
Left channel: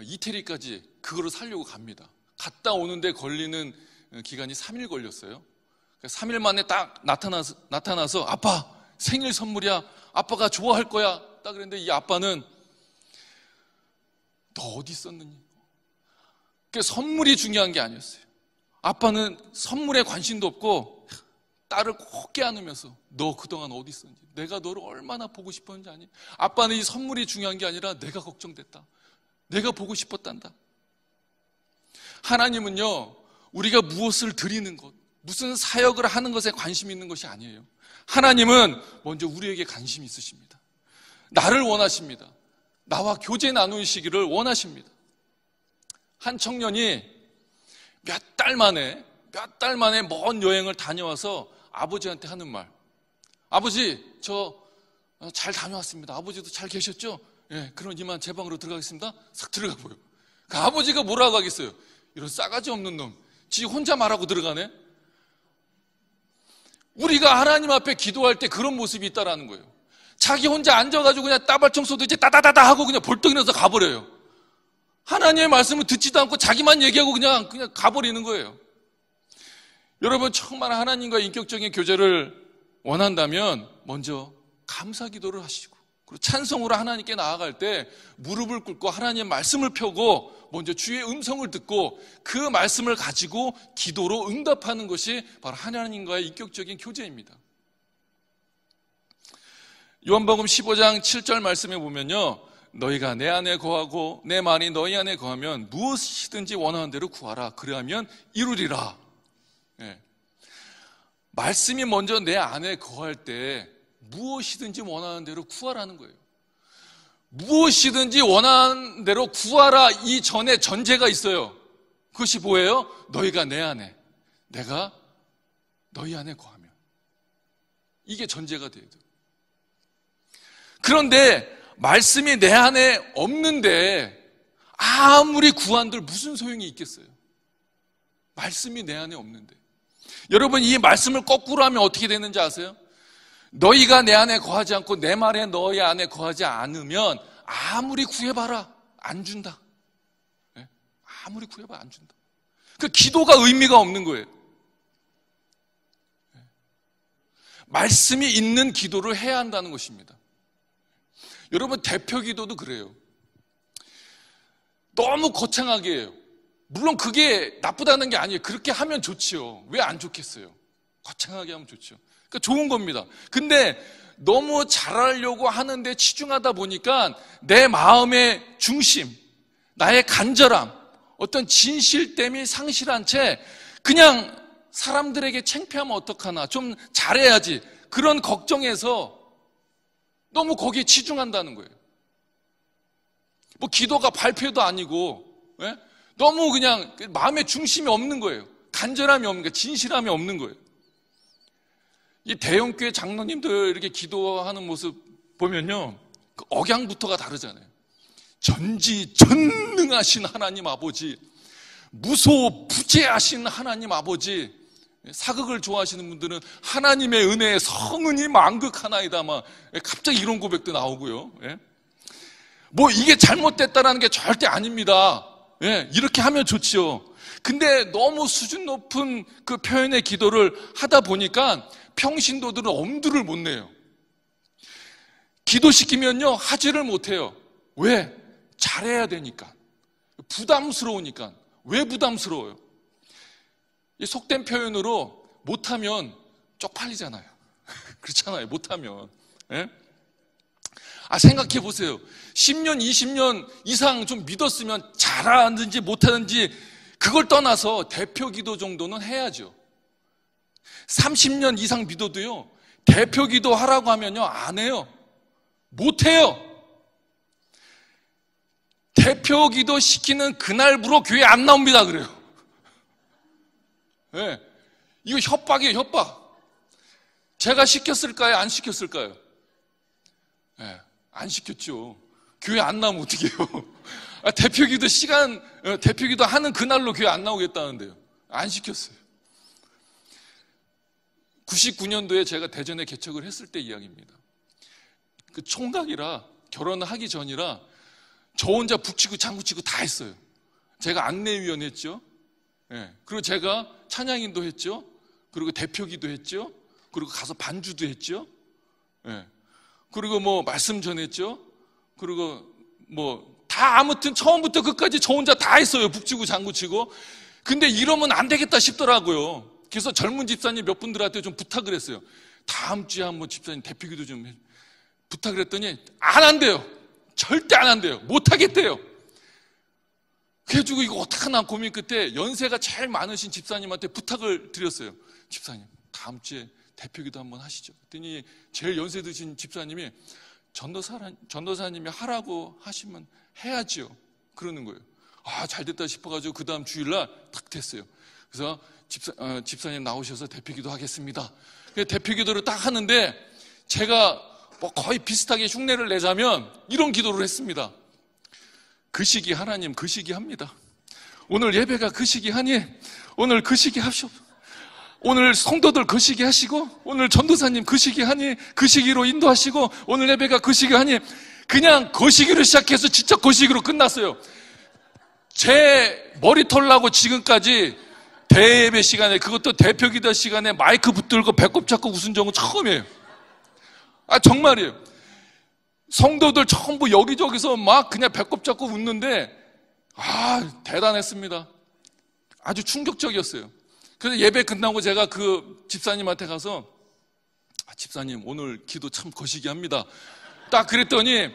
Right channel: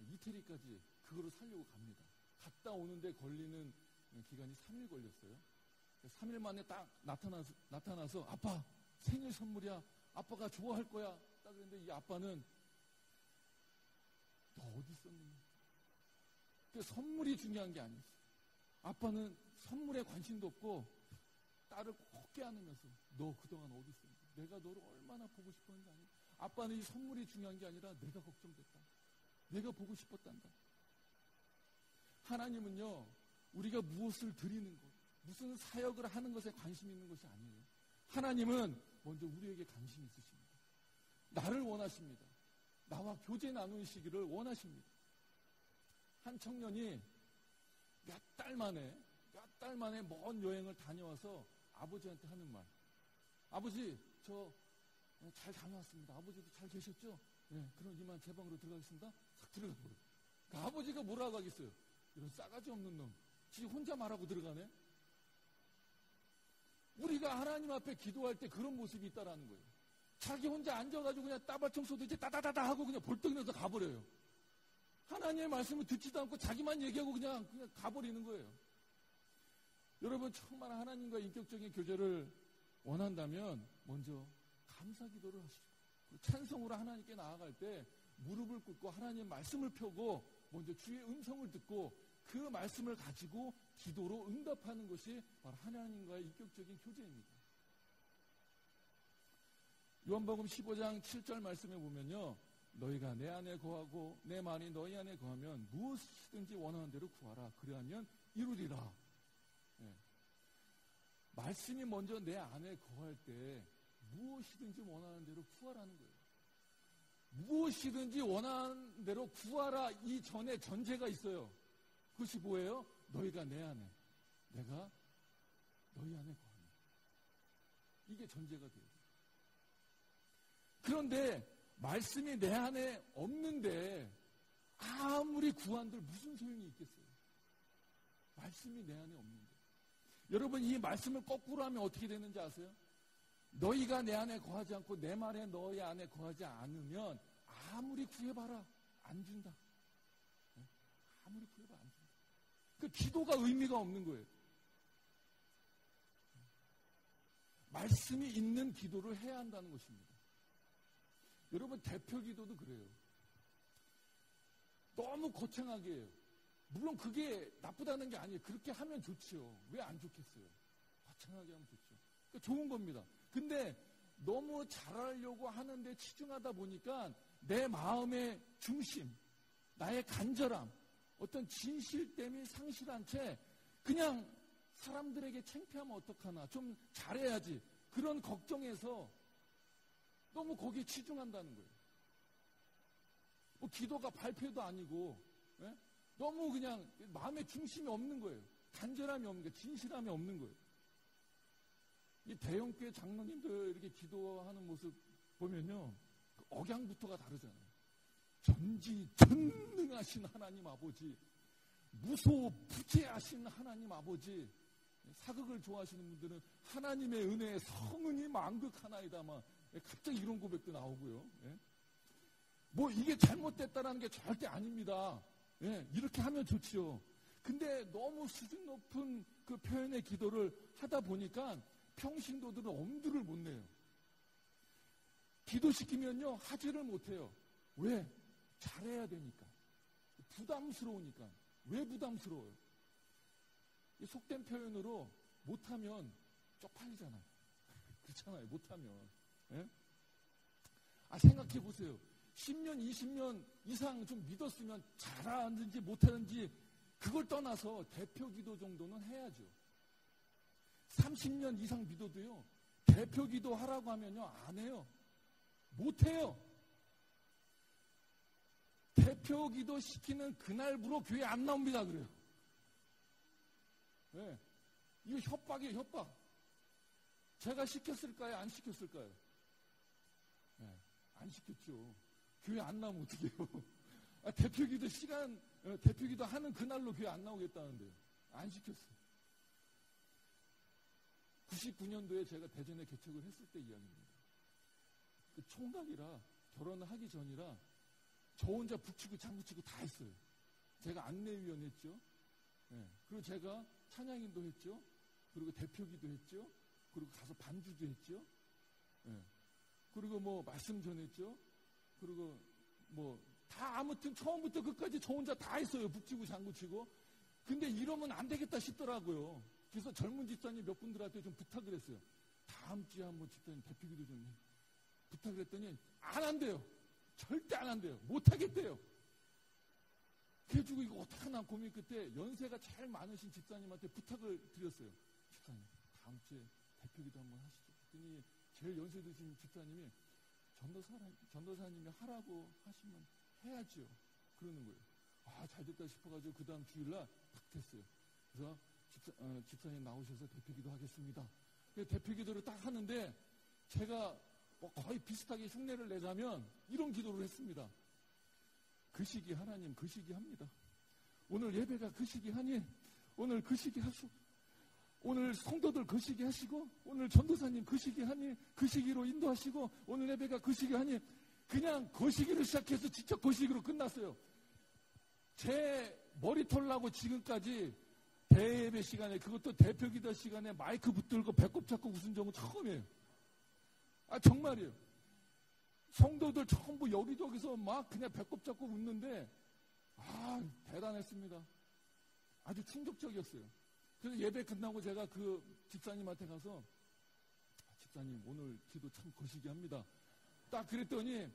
이태리까지 그거를 사려고 갑니다. 갔다 오는데 걸리는 기간이 3일 걸렸어요. 3일 만에 딱 나타나서 아빠 생일 선물이야, 아빠가 좋아할 거야 딱 그랬는데 이 아빠는 너 어디 있었느니? 그 선물이 중요한 게 아니었어요. 아빠는 선물에 관심도 없고 딸을 꼭 껴안으면서 너 그동안 어디 있었는지, 내가 너를 얼마나 보고 싶었는지 아니? 아빠는 이 선물이 중요한 게 아니라 내가 걱정됐다, 내가 보고 싶었단다. 하나님은요, 우리가 무엇을 드리는 것, 무슨 사역을 하는 것에 관심이 있는 것이 아니에요. 하나님은 먼저 우리에게 관심이 있으십니다. 나를 원하십니다. 나와 교제 나누시기를 원하십니다. 한 청년이 몇 달 만에 먼 여행을 다녀와서 아버지한테 하는 말, 아버지 저 잘 다녀왔습니다. 아버지도 잘 계셨죠? 예, 그럼 이만 제 방으로 들어가겠습니다. 싹 들어가 보여. 그 아버지가 뭐라고 하겠어요? 이런 싸가지 없는 놈, 지 혼자 말하고 들어가네. 우리가 하나님 앞에 기도할 때 그런 모습이 있다라는 거예요. 자기 혼자 앉아가지고 그냥 따발 청소도 이제 따다다다 하고 그냥 벌떡 일어나서 가버려요. 하나님의 말씀을 듣지도 않고 자기만 얘기하고 그냥 가버리는 거예요. 여러분, 정말 하나님과 인격적인 교제를 원한다면 먼저 감사 기도를 하시고, 그리고 찬송으로 하나님께 나아갈 때 무릎을 꿇고 하나님의 말씀을 펴고 먼저 주의 음성을 듣고 그 말씀을 가지고 기도로 응답하는 것이 바로 하나님과의 인격적인 교제입니다. 요한복음 15장 7절 말씀에 보면요, 너희가 내 안에 거하고 내 말이 너희 안에 거하면 무엇이든지 원하는 대로 구하라, 그리하면 이루리라. 네. 말씀이 먼저 내 안에 거할 때 무엇이든지 원하는 대로 구하라는 거예요. 무엇이든지 원하는 대로 구하라 이 전에 전제가 있어요. 그것이 뭐예요? 너희가 내 안에, 내가 너희 안에 거하면. 이게 전제가 돼야 돼요. 그런데 말씀이 내 안에 없는데 아무리 구한들 무슨 소용이 있겠어요? 말씀이 내 안에 없는데. 여러분, 이 말씀을 거꾸로 하면 어떻게 되는지 아세요? 너희가 내 안에 거하지 않고 내 말에 너희 안에 거하지 않으면 아무리 구해봐라 안 준다. 네? 아무리 구해봐라 안 준다. 그 기도가 의미가 없는 거예요. 네. 말씀이 있는 기도를 해야 한다는 것입니다. 여러분, 대표 기도도 그래요. 너무 거창하게 해요. 물론 그게 나쁘다는 게 아니에요. 그렇게 하면 좋지요. 왜 안 좋겠어요? 거창하게 하면 좋죠. 그러니까 좋은 겁니다. 근데 너무 잘하려고 하는데 치중하다 보니까 내 마음의 중심, 나의 간절함, 어떤 진실됨이 상실한 채 그냥 사람들에게 창피하면 어떡하나, 좀 잘해야지, 그런 걱정에서 너무 거기에 치중한다는 거예요. 뭐 기도가 발표도 아니고, 예? 너무 그냥 마음의 중심이 없는 거예요. 간절함이 없는 거예요. 진실함이 없는 거예요. 이 대형교회 장로님들 이렇게 기도하는 모습 보면요, 그 억양부터가 다르잖아요. 전지전능하신 하나님 아버지, 무소부재하신 하나님 아버지. 사극을 좋아하시는 분들은 하나님의 은혜에 성은이 만극하나이다, 막 갑자기 이런 고백도 나오고요. 예? 뭐 이게 잘못됐다라는 게 절대 아닙니다. 예, 이렇게 하면 좋지요. 근데 너무 수준 높은 그 표현의 기도를 하다 보니까 평신도들은 엄두를 못 내요. 기도시키면요, 하지를 못해요. 왜? 잘해야 되니까. 부담스러우니까. 왜 부담스러워요? 이 속된 표현으로 못하면 쪽팔리잖아요. 그렇잖아요, 못하면. 예? 생각해 보세요. 10년, 20년 이상 좀 믿었으면 잘하는지 못하는지 그걸 떠나서 대표 기도 정도는 해야죠. 30년 이상 믿어도요, 대표 기도 하라고 하면요, 안 해요. 못 해요. 대표 기도 시키는 그날부로 교회 안 나옵니다, 그래요. 예. 이거 협박이에요, 협박. 제가 시켰을까요? 안 시켰을까요? 예. 안 시켰죠. 교회 안 나오면 어떡해요? 대표기도 하는 그날로 교회 안 나오겠다는데요. 안 시켰어요. 99년도에 제가 대전에 개척을 했을 때 이야기입니다. 그 총각이라, 결혼을 하기 전이라 저 혼자 북치고 장구치고 다 했어요. 제가 안내위원 했죠. 예. 그리고 제가 찬양인도 했죠. 그리고 대표기도 했죠. 그리고 가서 반주도 했죠. 예. 그리고 뭐 말씀 전했죠. 그리고 뭐 다 아무튼 처음부터 끝까지 저 혼자 다 했어요. 북치고 장구치고. 근데 이러면 안 되겠다 싶더라고요. 그래서 젊은 집사님 몇 분들한테 좀 부탁을 했어요. 다음 주에 한번 집사님 대표기도 좀 해. 부탁을 했더니 안 한대요. 절대 안 한대요. 못 하겠대요. 그래가지고 이거 어떡하나 고민 끝에 연세가 제일 많으신 집사님한테 부탁을 드렸어요. 집사님, 다음 주에 대표기도 한번 하시죠. 그랬더니 제일 연세 드신 집사님이 전도사님이 하라고 하시면 해야지요. 그러는 거예요. 아, 잘 됐다 싶어가지고 그 다음 주일날 딱 됐어요. 그래서 집사님 나오셔서 대표기도 하겠습니다. 대표기도를 딱 하는데 제가 뭐 거의 비슷하게 흉내를 내자면 이런 기도를 했습니다. 그 시기 하나님, 그 시기 합니다. 오늘 예배가 그 시기 하니 오늘 그 시기 하시옵소서. 오늘 성도들 그 시기 하시고 오늘 전도사님 그 시기 하니 그 시기로 인도하시고 오늘 예배가 그 시기 하니 그냥 그 시기로 시작해서 진짜 그 시기로 끝났어요. 제 머리털 나고 지금까지 대예배 시간에, 그것도 대표기도 시간에 마이크 붙들고 배꼽 잡고 웃은 적은 처음이에요. 아, 정말이에요. 성도들 전부 여기저기서 막 그냥 배꼽 잡고 웃는데, 아, 대단했습니다. 아주 충격적이었어요. 그래서 예배 끝나고 제가 그 집사님한테 가서, 아, 집사님 오늘 기도 참 거시기 합니다. 딱 그랬더니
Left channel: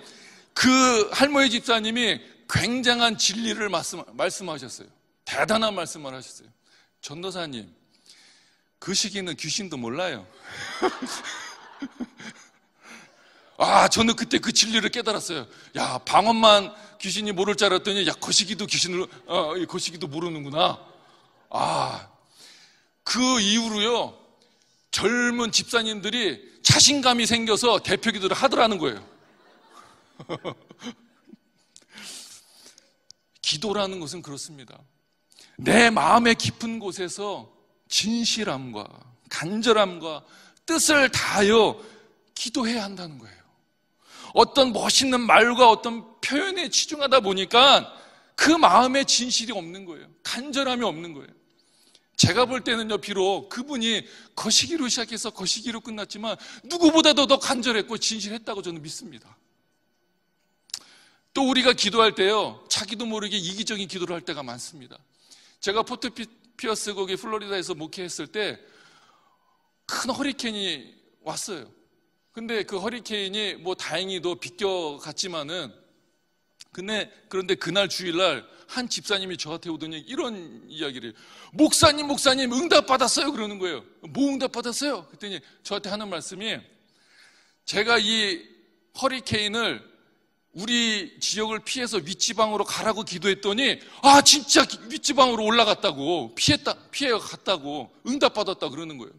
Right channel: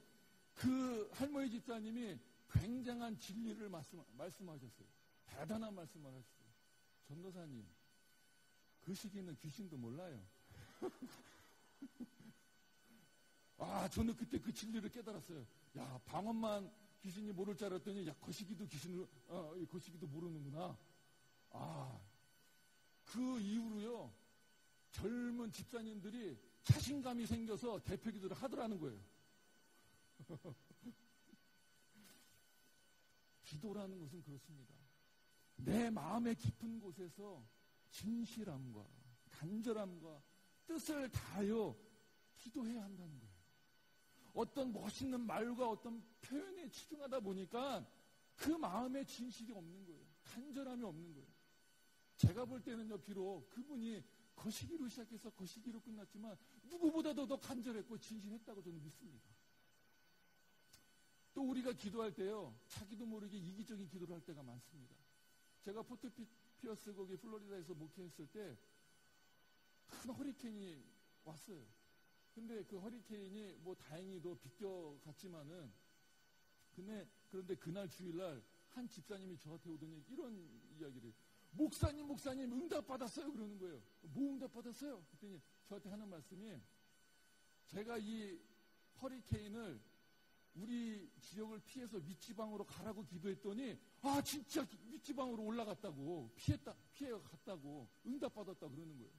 그 할머니 집사님이 굉장한 진리를 말씀하셨어요. 대단한 말씀을 하셨어요. 전도사님, 그 시기는 귀신도 몰라요. 아, 저는 그때 그 진리를 깨달았어요. 야, 방언만 귀신이 모를 줄 알았더니, 야, 거시기도 거시기도 모르는구나. 아, 그 이후로요, 젊은 집사님들이 자신감이 생겨서 대표기도를 하더라는 거예요. 기도라는 것은 그렇습니다. 내 마음의 깊은 곳에서 진실함과 간절함과 뜻을 다하여 기도해야 한다는 거예요. 어떤 멋있는 말과 어떤 표현에 치중하다 보니까 그 마음에 진실이 없는 거예요. 간절함이 없는 거예요. 제가 볼 때는요, 비록 그분이 거시기로 시작해서 거시기로 끝났지만 누구보다도 더 간절했고 진실했다고 저는 믿습니다. 또 우리가 기도할 때요, 자기도 모르게 이기적인 기도를 할 때가 많습니다. 제가 포트 피어스 거기 플로리다에서 목회했을 때 큰 허리케인이 왔어요. 근데 그 허리케인이 뭐 다행히도 비껴갔지만은, 그런데 그날 주일날 한 집사님이 저한테 오더니 이런 이야기를 해요. 목사님 응답 받았어요. 그러는 거예요. 뭐 응답 받았어요? 그랬더니 저한테 하는 말씀이, 제가 이 허리케인을 우리 지역을 피해서 윗지방으로 가라고 기도했더니, 아, 진짜 윗지방으로 올라갔다고, 피해 갔다고, 응답 받았다 그러는 거예요.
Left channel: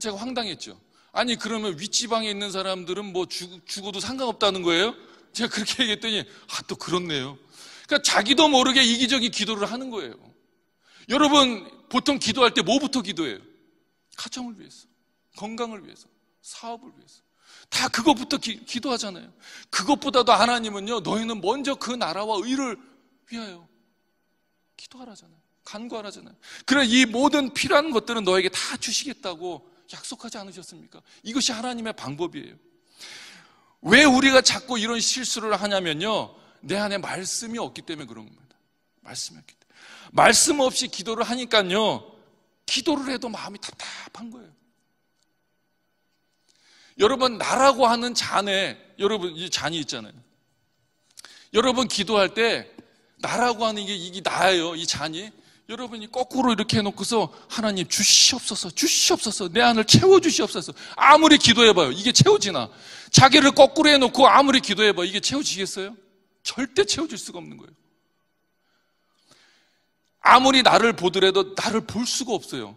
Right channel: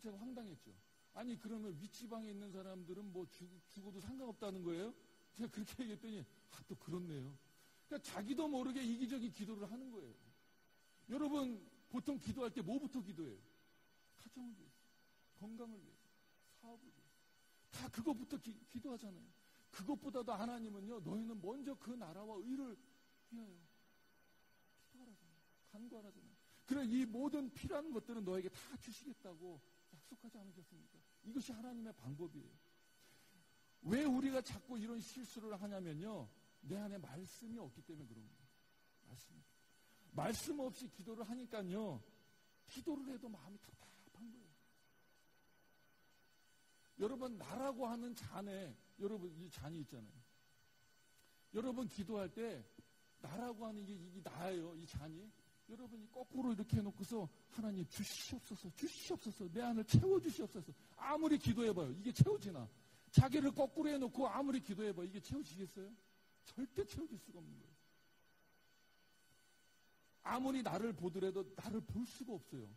제가 황당했죠. 아니, 그러면 윗지방에 있는 사람들은 뭐 죽어도 상관없다는 거예요? 제가 그렇게 얘기했더니, 아, 또 그렇네요. 그러니까 자기도 모르게 이기적인 기도를 하는 거예요. 여러분, 보통 기도할 때 뭐부터 기도해요? 가정을 위해서, 건강을 위해서, 사업을 위해서. 다 그것부터 기도하잖아요. 그것보다도 하나님은요, 너희는 먼저 그 나라와 의를 위하여 기도하라잖아요. 간구하라잖아요. 그래, 이 모든 필요한 것들은 너에게 다 주시겠다고 약속하지 않으셨습니까? 이것이 하나님의 방법이에요. 왜 우리가 자꾸 이런 실수를 하냐면요, 내 안에 말씀이 없기 때문에 그런 겁니다. 말씀이 없기 때문에. 말씀 없이 기도를 하니까요, 기도를 해도 마음이 답답한 거예요. 여러분, 나라고 하는 잔에, 여러분, 이 잔이 있잖아요. 여러분, 기도할 때 나라고 하는 이게 나예요, 이 잔이. 여러분이 거꾸로 이렇게 해놓고서, 하나님 주시옵소서, 내 안을 채워주시옵소서. 아무리 기도해봐요, 이게 채워지나? 자기를 거꾸로 해놓고 아무리 기도해봐요, 이게 채워지겠어요? 절대 채워질 수가 없는 거예요. 아무리 나를 보더라도 나를 볼 수가 없어요.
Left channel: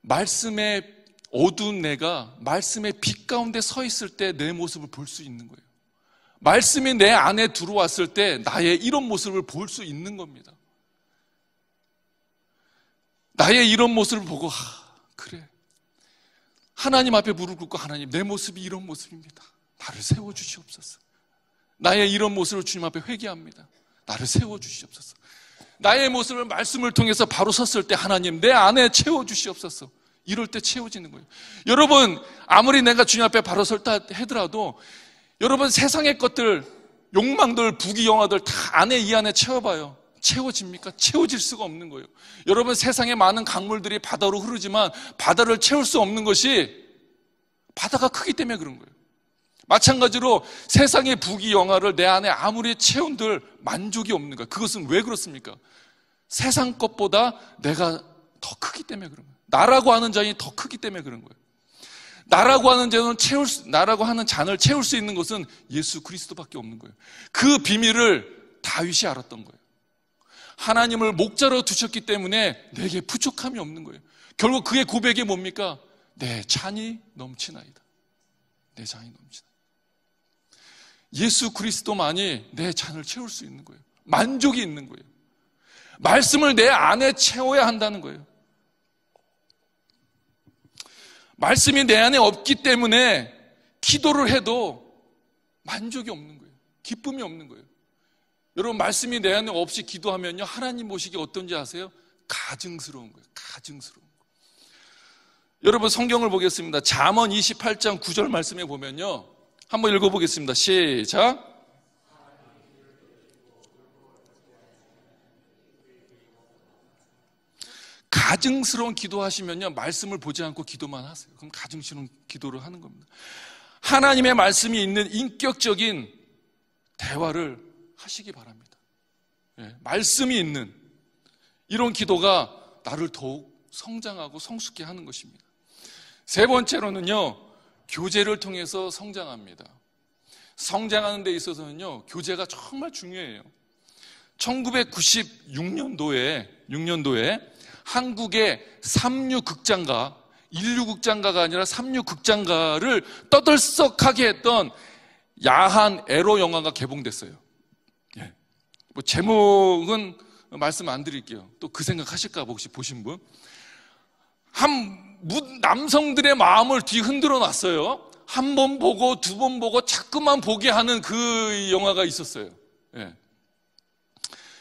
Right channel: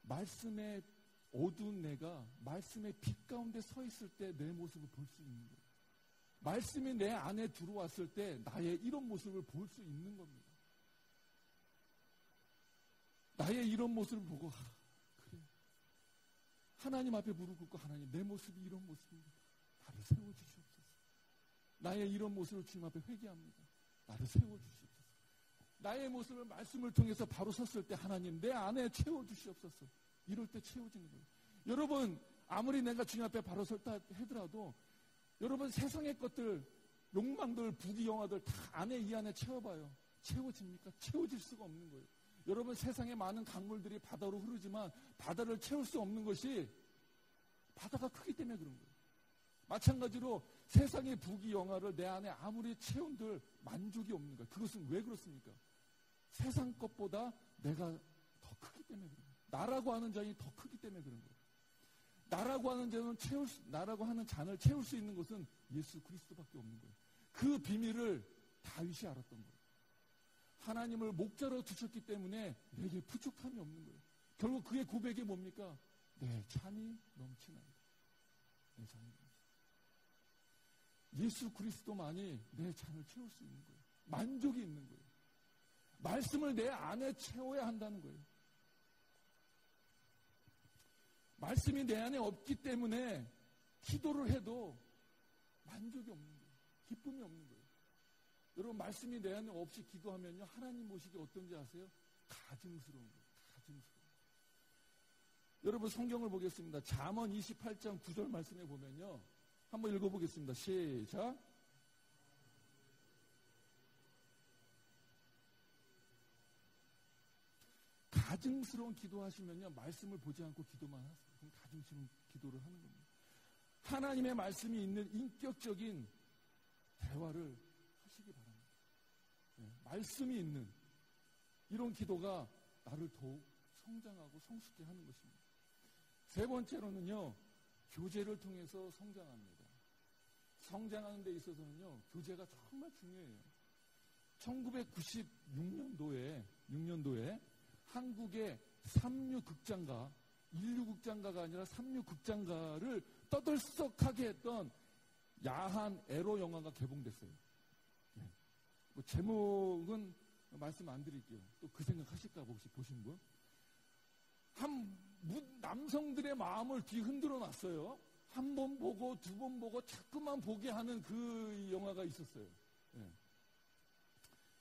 말씀의 어두운 내가 말씀의 빛 가운데 서 있을 때 내 모습을 볼 수 있는 거예요. 말씀이 내 안에 들어왔을 때 나의 이런 모습을 볼 수 있는 겁니다. 나의 이런 모습을 보고 그래, 하나님 앞에 무릎 꿇고 하나님, 내 모습이 이런 모습입니다. 나를 세워주시옵소서. 나의 이런 모습을 주님 앞에 회개합니다. 나를 세워주시옵소서. 나의 모습을 말씀을 통해서 바로 섰을 때 하나님, 내 안에 채워주시옵소서. 이럴 때 채워지는 거예요. 여러분, 아무리 내가 주님 앞에 바로 설다 하더라도 여러분, 세상의 것들, 욕망들, 부귀영화들 다 안에, 이 안에 채워봐요. 채워집니까? 채워질 수가 없는 거예요. 여러분, 세상에 많은 강물들이 바다로 흐르지만 바다를 채울 수 없는 것이 바다가 크기 때문에 그런 거예요. 마찬가지로 세상의 부귀영화를 내 안에 아무리 채운들 만족이 없는 거예요. 그것은 왜 그렇습니까? 세상 것보다 내가 더 크기 때문에 그런 거예요. 나라고 하는 잔이 더 크기 때문에 그런 거예요. 나라고 하는 잔을 채울 수 있는 것은 예수 그리스도밖에 없는 거예요. 그 비밀을 다윗이 알았던 거예요. 하나님을 목자로 두셨기 때문에 내게 부족함이 없는 거예요. 결국 그의 고백이 뭡니까? 내 잔이 넘치나이다. 내 잔이 넘치나이다. 예수 그리스도만이 내 잔을 채울 수 있는 거예요. 만족이 있는 거예요. 말씀을 내 안에 채워야 한다는 거예요. 말씀이 내 안에 없기 때문에 기도를 해도 만족이 없는 거예요. 기쁨이 없는 거예요. 여러분, 말씀이 내 안에 없이 기도하면요, 하나님 보시기 어떤지 아세요? 가증스러운 거예요. 가증스러운 거예요. 여러분, 성경을 보겠습니다. 잠언 28장 9절 말씀에 보면요, 한번 읽어보겠습니다. 시작. 가증스러운 기도하시면요, 말씀을 보지 않고 기도만 하세요. 그럼 가증스러운 기도를 하는 겁니다. 하나님의 말씀이 있는 인격적인 대화를 하시기 바랍니다. 말씀이 있는 이런 기도가 나를 더욱 성장하고 성숙케 하는 것입니다. 세 번째로는요, 교제를 통해서 성장합니다. 성장하는 데 있어서는요, 교제가 정말 중요해요. 1996년도에 한국의 삼류극장가, 인류극장가가 아니라 삼류극장가를 떠들썩하게 했던 야한 에로 영화가 개봉됐어요. 뭐 제목은 말씀 안 드릴게요. 또 그 생각 하실까 봐, 혹시 보신 분? 남성들의 마음을 뒤흔들어 놨어요. 한 번 보고 두 번 보고 자꾸만 보게 하는 그 영화가 있었어요.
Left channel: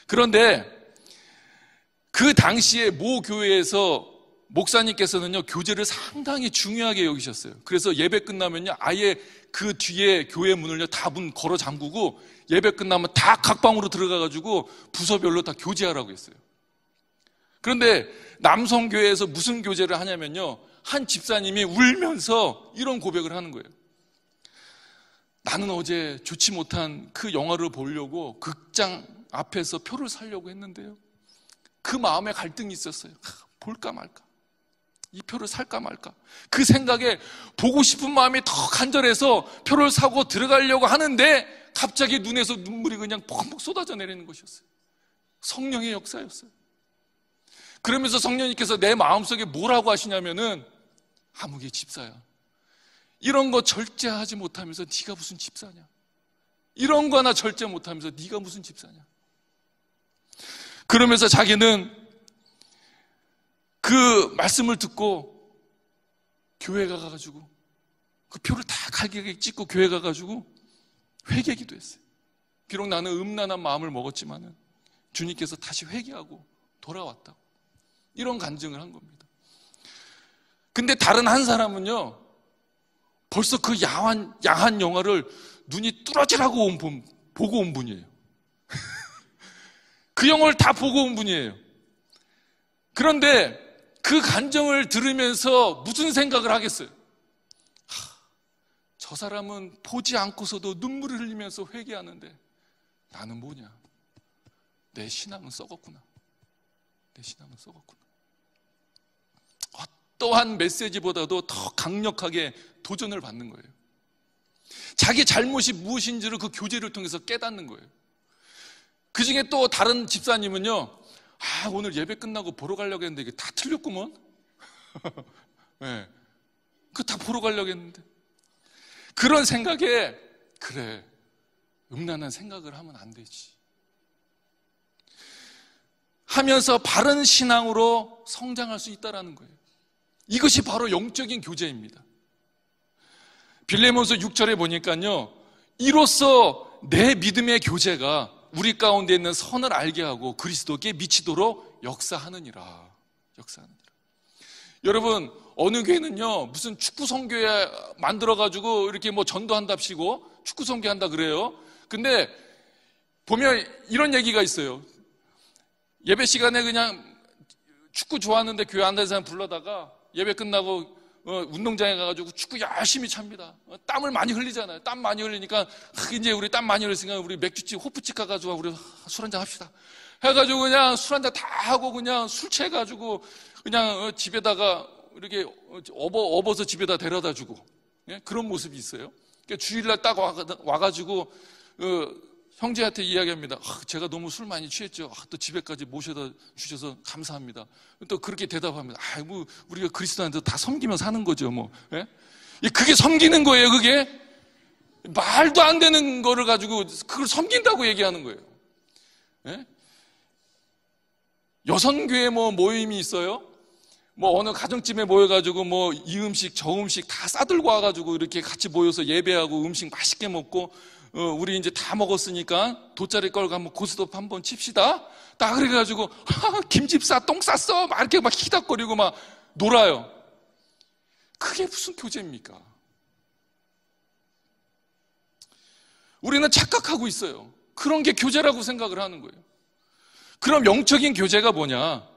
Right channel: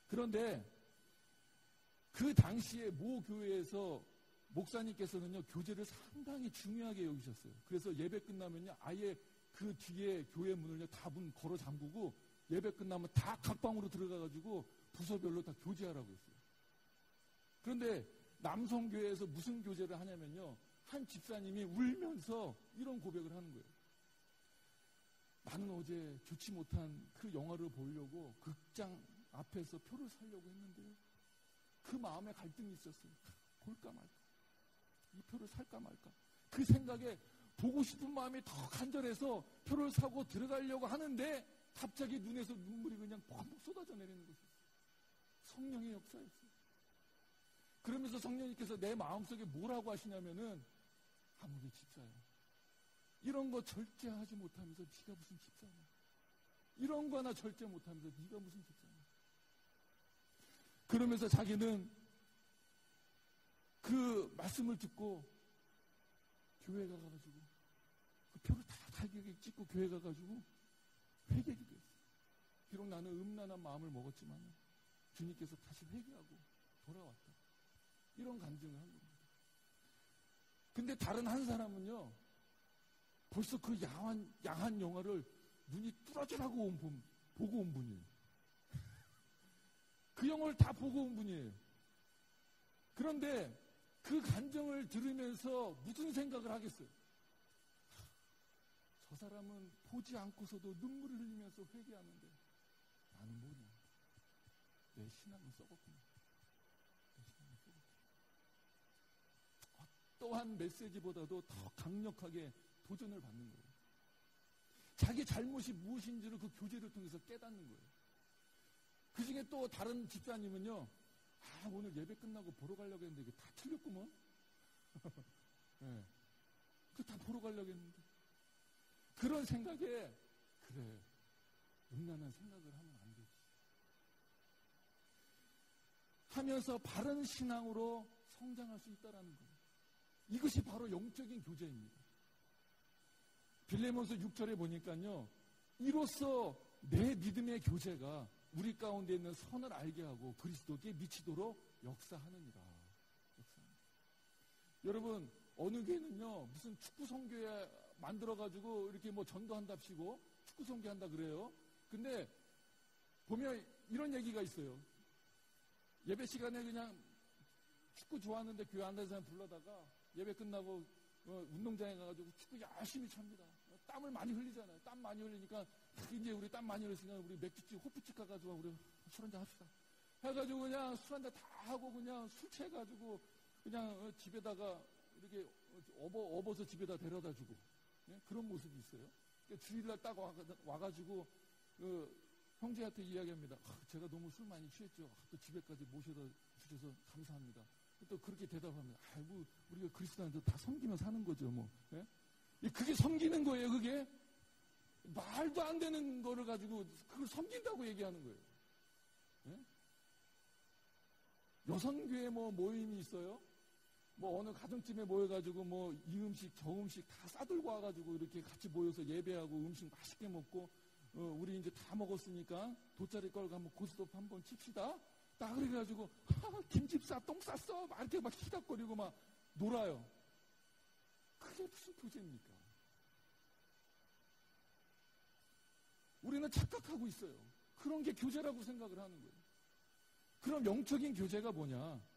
그런데 그 당시에 모 교회에서 목사님께서는요, 교제를 상당히 중요하게 여기셨어요. 그래서 예배 끝나면요, 아예 그 뒤에 교회 문을요, 다 문 걸어 잠그고 예배 끝나면 다 각 방으로 들어가가지고 부서별로 다 교제하라고 했어요. 그런데 남성교회에서 무슨 교제를 하냐면요, 한 집사님이 울면서 이런 고백을 하는 거예요. 나는 어제 좋지 못한 그 영화를 보려고 극장 앞에서 표를 사려고 했는데요, 그 마음에 갈등이 있었어요. 볼까 말까, 이 표를 살까 말까, 그 생각에 보고 싶은 마음이 더 간절해서 표를 사고 들어가려고 하는데 갑자기 눈에서 눈물이 그냥 펑펑 쏟아져 내리는 것이었어요. 성령의 역사였어요. 그러면서 성령님께서 내 마음속에 뭐라고 하시냐면은, 아무개 집사야, 이런 거 절제하지 못하면서 네가 무슨 집사냐, 이런 거 하나 절제 못하면서 네가 무슨 집사냐. 그러면서 자기는 그 말씀을 듣고 교회 가가지고 그 표를 다 갈기게 찍고 교회 가가지고 회개기도 했어요. 비록 나는 음란한 마음을 먹었지만은 주님께서 다시 회개하고 돌아왔다고, 이런 간증을 한 겁니다. 근데 다른 한 사람은요, 벌써 그 야한 영화를 눈이 뚫어지라고 보고 온 분이에요. 그 영화를 다 보고 온 분이에요. 그런데 그 간증을 들으면서 무슨 생각을 하겠어요? 저 사람은 보지 않고서도 눈물을 흘리면서 회개하는데 나는 뭐냐? 내 신앙은 썩었구나. 내 신앙은 썩었구나. 어떠한 메시지보다도 더 강력하게 도전을 받는 거예요. 자기 잘못이 무엇인지를 그 교제를 통해서 깨닫는 거예요. 그 중에 또 다른 집사님은요, 오늘 예배 끝나고 보러 가려고 했는데 이게 다 틀렸구먼. 네. 그거 다 보러 가려고 했는데. 그런 생각에, 그래, 음란한 생각을 하면 안 되지 하면서 바른 신앙으로 성장할 수 있다는 거예요. 이것이 바로 영적인 교제입니다. 빌레몬서 6절에 보니까요, 이로써 내 믿음의 교제가 우리 가운데 있는 선을 알게 하고 그리스도께 미치도록 역사하느니라. 여러분, 어느 교회는요 무슨 축구 선교회 만들어가지고 이렇게 뭐 전도한답시고 축구 선교한다 그래요. 근데 보면 이런 얘기가 있어요. 예배 시간에 그냥 축구 좋아하는데 교회 안 다니는 사람 불러다가 예배 끝나고 운동장에 가가지고 축구 열심히 찹니다. 땀을 많이 흘리잖아요. 땀 많이 흘리니까 이제 우리 땀 많이 흘렸으니까 우리 맥주집, 호프집 가가지고 우리 술 한잔 합시다. 해가지고 그냥 술 한잔 다 하고 그냥 술 취해가지고 그냥 집에다가 이렇게 업어서 집에다 데려다 주고, 예? 그런 모습이 있어요. 그러니까 주일날 딱 와가지고 형제한테 이야기합니다. 제가 너무 술 많이 취했죠. 또 집에까지 모셔다 주셔서 감사합니다. 또 그렇게 대답합니다. 뭐 우리가 그리스도한테 다 섬기며 사는 거죠, 뭐. 예? 그게 섬기는 거예요, 그게. 말도 안 되는 거를 가지고 그걸 섬긴다고 얘기하는 거예요. 예? 여성교회 뭐 모임이 있어요. 뭐 어느 가정집에 모여가지고 뭐 이 음식 저 음식 다 싸들고 와가지고 이렇게 같이 모여서 예배하고 음식 맛있게 먹고, 우리 이제 다 먹었으니까 돗자리 걸고 한번 고스톱 한번 칩시다. 딱 그래가지고 김집 싸, 똥 쌌어 막 이렇게 막 히닥거리고 막 놀아요. 그게 무슨 교제입니까? 우리는 착각하고 있어요. 그런 게 교제라고 생각을 하는 거예요. 그럼 영적인 교제가 뭐냐?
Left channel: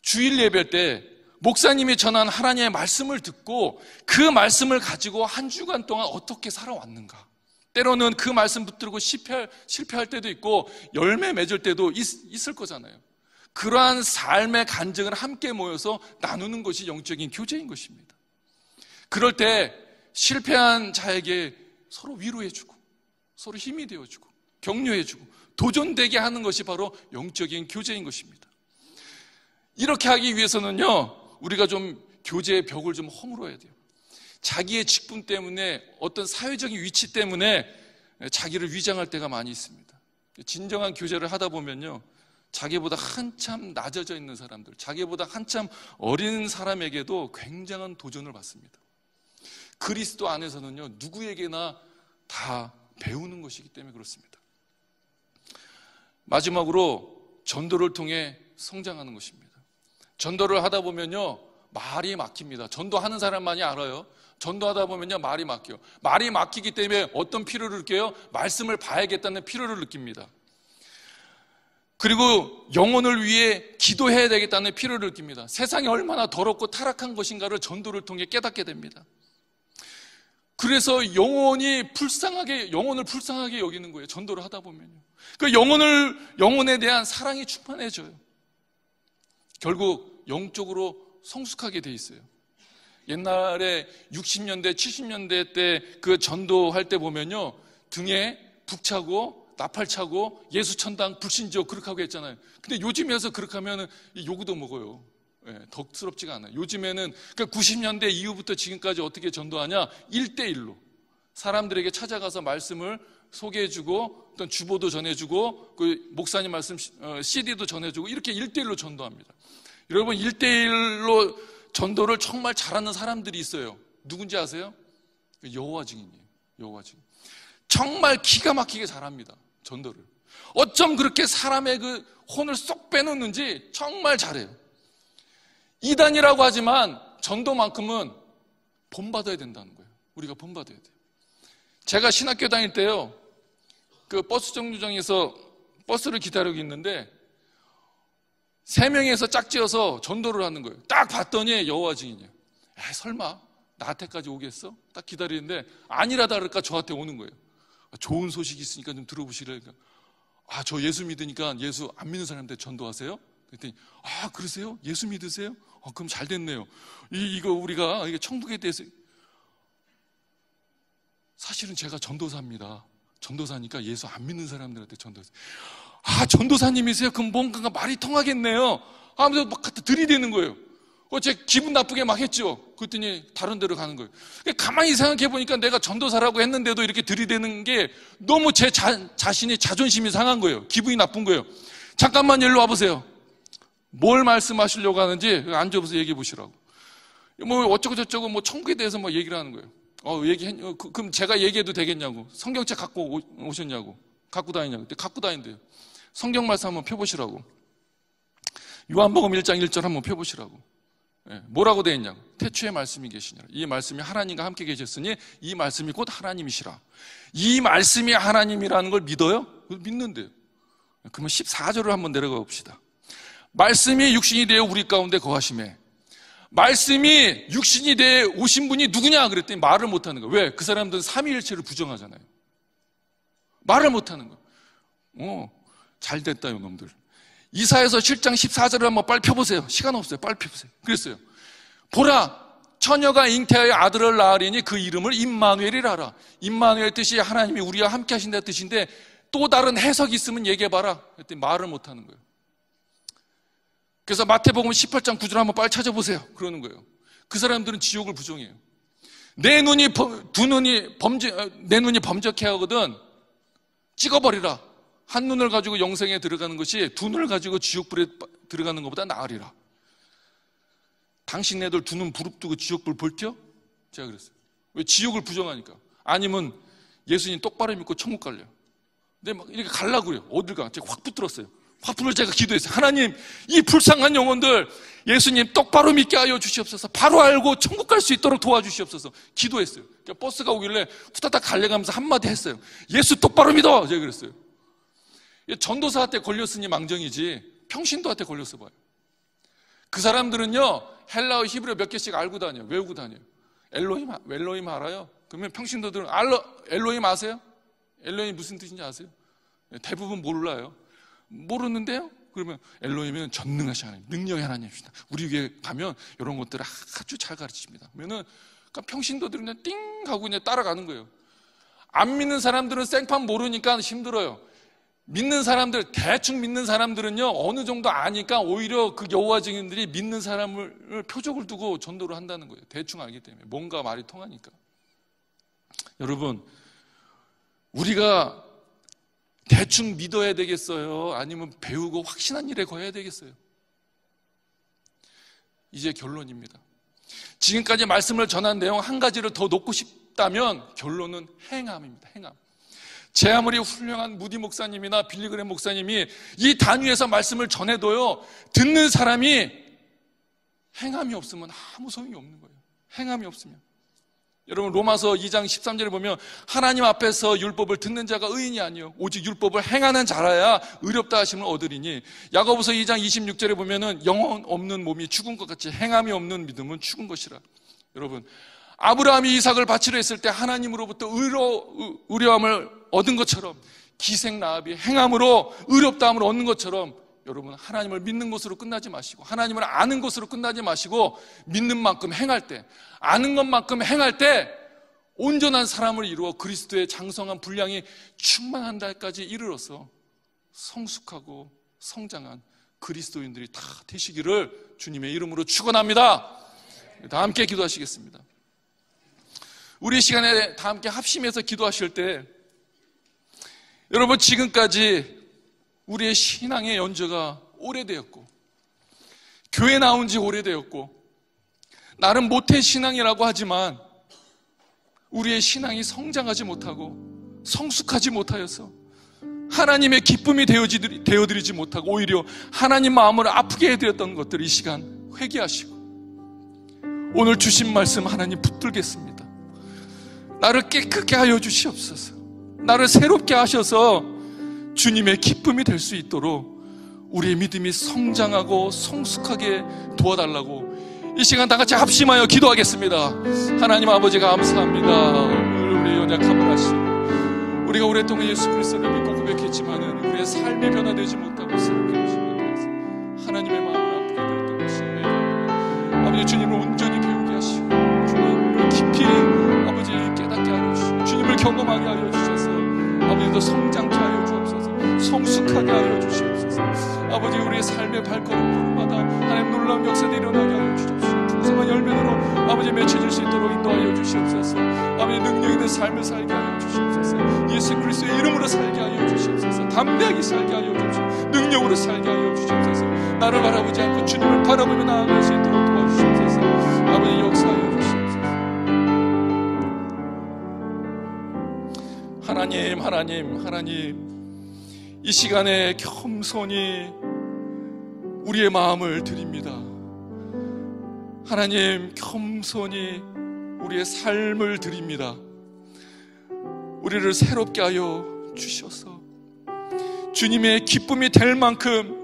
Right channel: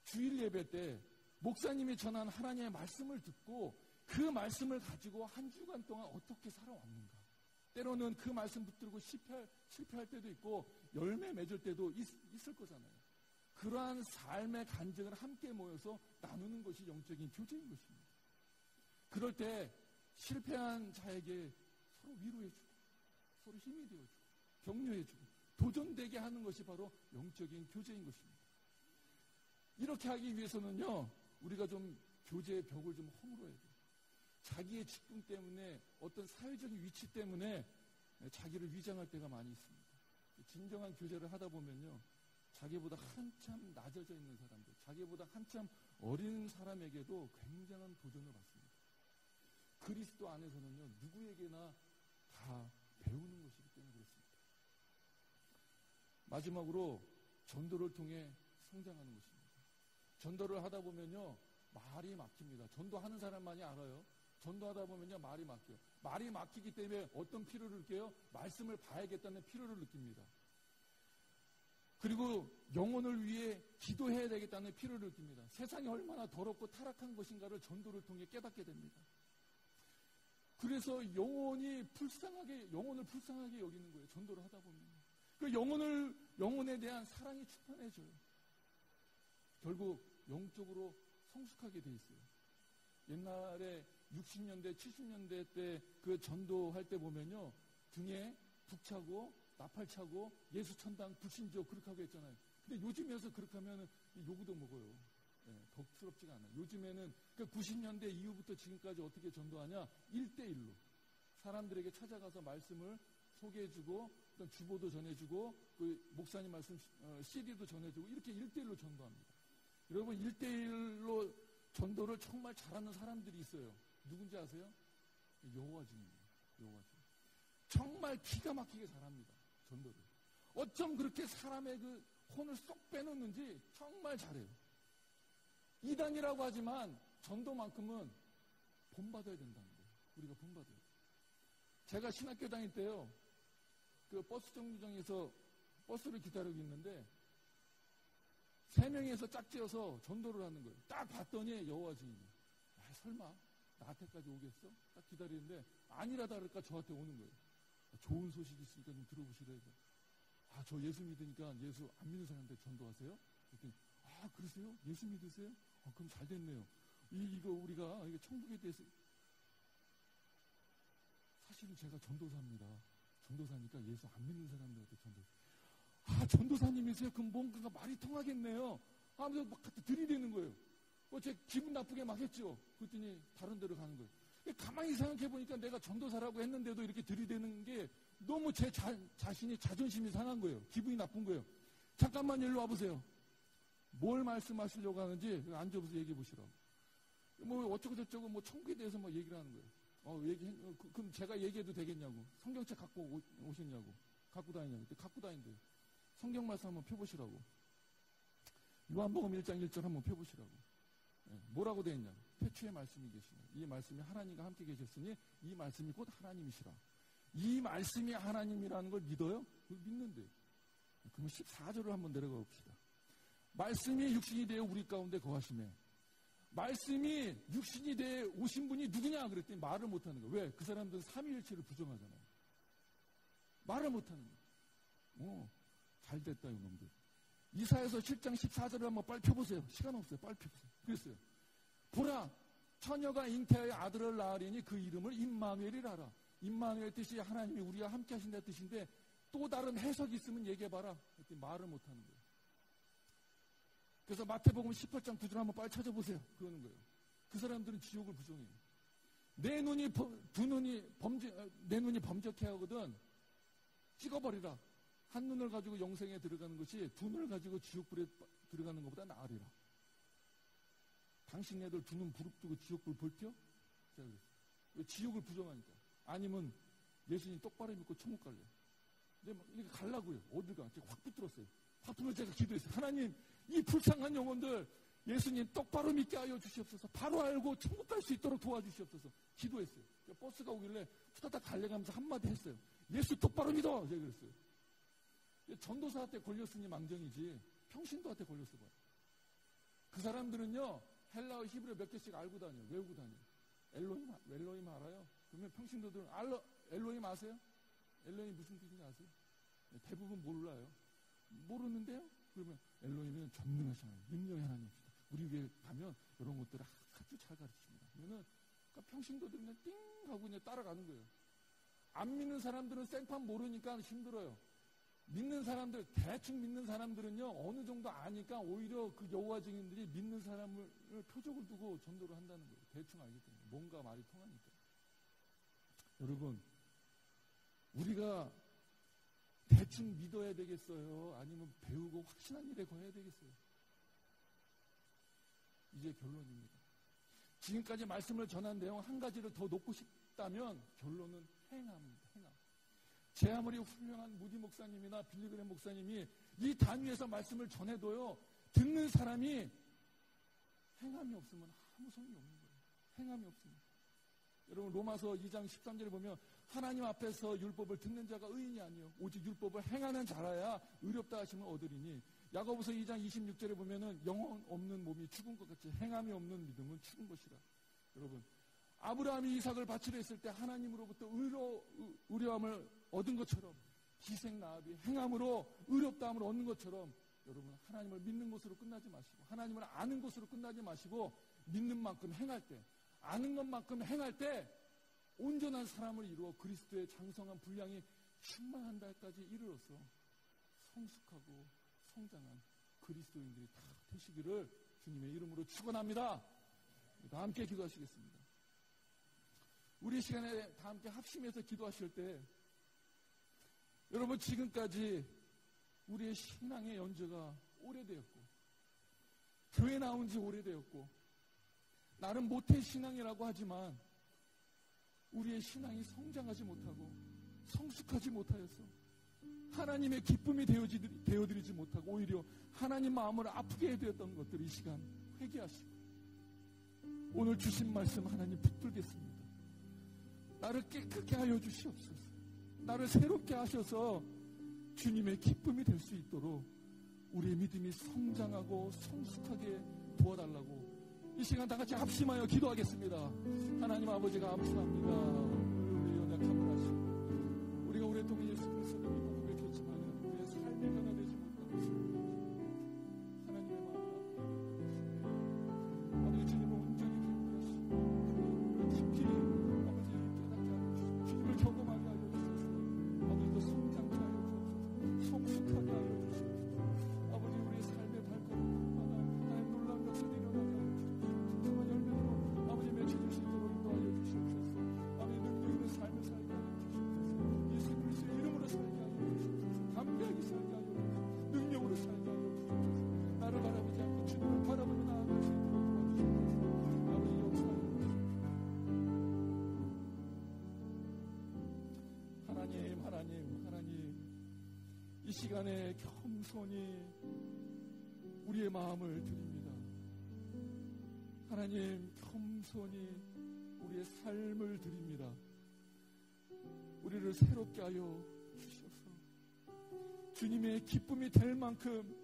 주일 예배 때 목사님이 전한 하나님의 말씀을 듣고 그 말씀을 가지고 한 주간 동안 어떻게 살아왔는가. 때로는 그 말씀 붙들고 실패할 때도 있고 열매 맺을 때도 있을 거잖아요. 그러한 삶의 간증을 함께 모여서 나누는 것이 영적인 교제인 것입니다. 그럴 때 실패한 자에게 서로 위로해주고 서로 힘이 되어주고 격려해주고 도전되게 하는 것이 바로 영적인 교제인 것입니다. 이렇게 하기 위해서는요, 우리가 좀 교제의 벽을 좀 허물어야 돼요. 자기의 직분 때문에 어떤 사회적인 위치 때문에 자기를 위장할 때가 많이 있습니다. 진정한 교제를 하다 보면요, 자기보다 한참 낮아져 있는 사람들, 자기보다 한참 어린 사람에게도 굉장한 도전을 받습니다. 그리스도 안에서는요, 누구에게나 다 배우는 것이기 때문에 그렇습니다. 마지막으로 전도를 통해 성장하는 것입니다. 전도를 하다 보면요, 말이 막힙니다. 전도하는 사람만이 알아요. 전도하다 보면요, 말이 막혀요. 말이 막히기 때문에 어떤 필요를 느껴요? 말씀을 봐야겠다는 필요를 느낍니다. 그리고 영혼을 위해 기도해야 되겠다는 필요를 느낍니다. 세상이 얼마나 더럽고 타락한 것인가를 전도를 통해 깨닫게 됩니다. 그래서 영혼을 불쌍하게 여기는 거예요. 전도를 하다 보면요. 그 영혼에 대한 사랑이 충만해져요. 결국 영적으로 성숙하게 돼 있어요. 옛날에 60년대, 70년대 때 그 전도할 때 보면요, 등에 북차고 나팔차고 예수천당 불신지옥 그렇게 하고 했잖아요. 근데 요즘에서 그렇게 하면 요구도 먹어요. 예, 덕스럽지가 않아요. 요즘에는 그러니까 90년대 이후부터 지금까지 어떻게 전도하냐? 1대1로 사람들에게 찾아가서 말씀을 소개해주고 어떤 주보도 전해주고 그 목사님 말씀 CD도 전해주고 이렇게 1대1로 전도합니다. 여러분, 1대1로 전도를 정말 잘하는 사람들이 있어요. 누군지 아세요? 여호와 증인이에요. 여호와 증인. 정말 기가 막히게 잘합니다. 전도를. 어쩜 그렇게 사람의 그 혼을 쏙 빼놓는지 정말 잘해요. 이단이라고 하지만 전도만큼은 본받아야 된다는 거예요. 우리가 본받아야 돼요. 제가 신학교 다닐 때요, 그 버스 정류장에서 버스를 기다리고 있는데 3명에서 짝지어서 전도를 하는 거예요. 딱 봤더니 여호와 증인이에요. 설마 나한테까지 오겠어? 딱 기다리는데 아니라 다를까 저한테 오는 거예요. 좋은 소식이 있으니까 좀 들어보시라니까. 저 예수 믿으니까 예수 안 믿는 사람한테 전도하세요? 그랬더니 그러세요? 예수 믿으세요? 그럼 잘 됐네요. 이거 우리가 천국에 대해서 사실은 제가 전도사입니다. 전도사니까 예수 안 믿는 사람들한테 전도했어요. 아, 전도사님이세요? 그럼 뭔가 말이 통하겠네요. 하면서 막 갖다 들이대는 거예요. 제 기분 나쁘게 막 했죠. 그랬더니 다른 데로 가는 거예요. 가만히 생각해 보니까 내가 전도사라고 했는데도 이렇게 들이대는 게 너무 제 자신이 자존심이 상한 거예요. 기분이 나쁜 거예요. 잠깐만 일로 와보세요. 뭘 말씀하시려고 하는지 앉아보세요. 얘기해 보시라고. 뭐 어쩌고 저쩌고 뭐 천국에 대해서 뭐 얘기를 하는 거예요. 그럼 제가 얘기해도 되겠냐고. 성경책 갖고 오셨냐고. 갖고 다니냐고. 갖고 다닌대요. 성경 말씀 한번 펴보시라고. 요한복음 1장 1절 한번 펴보시라고. 뭐라고 되어 있냐고. 태초에 말씀이 계시니라. 이 말씀이 하나님과 함께 계셨으니 이 말씀이 곧 하나님이시라. 이 말씀이 하나님이라는 걸 믿어요? 믿는데요. 그러면 14절을 한번 내려가 봅시다. 말씀이 육신이 되어 우리 가운데 거하심에. 말씀이 육신이 되어 오신 분이 누구냐 그랬더니 말을 못하는 거예요. 왜? 그 사람들은 삼위일체를 부정하잖아요. 말을 못하는 거예요. 잘 됐다 이놈들. 이사야서 7장 14절을 한번 빨리 펴보세요. 시간 없어요. 빨리 펴보세요. 그랬어요. 보라, 처녀가 잉태하여 아들을 낳으리니 그 이름을 임마누엘이라 하라. 임마누엘 뜻이 하나님이 우리와 함께 하신다는 뜻인데 또 다른 해석이 있으면 얘기해봐라. 그랬더니 말을 못하는 거예요. 그래서 마태복음 18장 9절 한번 빨리 찾아보세요. 그러는 거예요. 그 사람들은 지옥을 부정해요. 내 눈이 범죄케 하거든 찍어버리라. 한 눈을 가지고 영생에 들어가는 것이 두 눈을 가지고 지옥불에 들어가는 것보다 나으리라. 당신 애들 두 눈 부릅뜨고 지옥불 볼텨? 제가 그랬어요. 왜? 지옥을 부정하니까. 아니면 예수님 똑바로 믿고 천국 갈래요. 근데 막 이렇게 가려고 그래요. 어딜 가? 제가 확 붙들었어요. 화풀을 제가 기도했어요. 하나님, 이 불쌍한 영혼들 예수님 똑바로 믿게 하여 주시옵소서. 바로 알고 천국 갈 수 있도록 도와주시옵소서. 기도했어요. 그러니까 버스가 오길래 후다닥 갈려가면서 한마디 했어요. 예수 똑바로 믿어. 제가 그랬어요. 전도사한테 걸렸으니 망정이지 평신도한테 걸렸어 봐요. 그 사람들은요 헬라어 히브리어 몇 개씩 알고 다녀요. 외우고 다녀요. 엘로힘 알아요? 그러면 평신도들은 엘로힘 아세요? 엘로힘 무슨 뜻인지 아세요? 대부분 몰라요. 모르는데요? 그러면 엘로힘은 전능하신 하나님, 능력의 하나님이시다. 우리 교회 가면 이런 것들을 아주 잘 가르칩니다. 그러면 평신도들은 그냥 띵 하고 그냥 따라가는 거예요. 안 믿는 사람들은 생판 모르니까 힘들어요. 믿는 사람들, 대충 믿는 사람들은요 어느 정도 아니까 오히려 그 여호와 증인들이 믿는 사람을 표적을 두고 전도를 한다는 거예요. 대충 알기 때문에 뭔가 말이 통하니까. 여러분, 우리가 대충 믿어야 되겠어요? 아니면 배우고 확신한 일에 거해야 되겠어요? 이제 결론입니다. 지금까지 말씀을 전한 내용 한 가지를 더 놓고 싶다면 결론은 행함입니다. 행함. 제 아무리 훌륭한 무디 목사님이나 빌리그램 목사님이 이 단위에서 말씀을 전해도요 듣는 사람이 행함이 없으면 아무 소용이 없는 거예요. 행함이 없으면. 여러분 로마서 2장 13절에 보면 하나님 앞에서 율법을 듣는 자가 의인이 아니요 오직 율법을 행하는 자라야 의롭다 하심을 얻으리니. 야고보서 2장 26절에 보면은 영혼 없는 몸이 죽은 것 같이 행함이 없는 믿음은 죽은 것이라. 여러분, 아브라함이 이삭을 바치려 했을 때 하나님으로부터 의로함을 얻은 것처럼 기생 라합이 행함으로 의롭다함을 얻는 것처럼 여러분 하나님을 믿는 것으로 끝나지 마시고 하나님을 아는 것으로 끝나지 마시고 믿는 만큼 행할 때, 아는 것만큼 행할 때 온전한 사람을 이루어 그리스도의 장성한 분량이 충만한 날까지 이르러서 성숙하고 성장한 그리스도인들이 다 되시기를 주님의 이름으로 축원합니다. 다 함께 기도하시겠습니다. 우리 시간에 다 함께 합심해서 기도하실 때 여러분, 지금까지 우리의 신앙의 연조가 오래되었고 교회 나온 지 오래되었고 나름 모태신앙이라고 하지만 우리의 신앙이 성장하지 못하고 성숙하지 못하여서 하나님의 기쁨이 되어드리지 못하고 오히려 하나님 마음을 아프게 해드렸던 것들, 이 시간 회개하시고 오늘 주신 말씀 하나님 붙들겠습니다. 나를 깨끗게 하여 주시옵소서. 나를 새롭게 하셔서 주님의 기쁨이 될 수 있도록 우리의 믿음이 성장하고 성숙하게 도와달라고 이 시간 다 같이 합심하여 기도하겠습니다. 하나님 아버지 감사합니다. 우리의 연약함을 아시고 우리가 오랫동안 예수 그리스도를 믿고 고백했지만은 우리의 삶이 변화되지 못하고 새롭게 하시지 못해서 하나님의 마음을 아프게 드렸던 것입니다. 아버지, 주님을 온전히 배우게 하시고 주님을 깊이 아버지 깨닫게 하여 주시고 주님을 경험하게 하여 주셔서 아버지도 성장케 하여 주옵소서. 성숙하게 하여 주시옵소서. 아버지, 우리의 삶의 발걸음마다 하나님 놀라운 역사들이 일어나게 하여 주시옵소서. 풍성한 열매로 아버지 맺혀질 수 있도록 인도하여 주시옵소서. 아버지, 능력 있는 삶을 살게 하여 주시옵소서. 예수 그리스도의 이름으로 살게 하여 주시옵소서. 담대하게 살게 하여 주시옵소서. 능력으로 살게 하여 주시옵소서. 나를 바라보지 않고 주님을 바라보며 나아갈 수 있도록 도와주시옵소서. 아버지, 역사하여 주시옵소서. 하나님, 이 시간에 겸손히 우리의 마음을 드립니다. 하나님, 겸손히 우리의 삶을 드립니다. 우리를 새롭게 하여 주셔서 주님의 기쁨이 될 만큼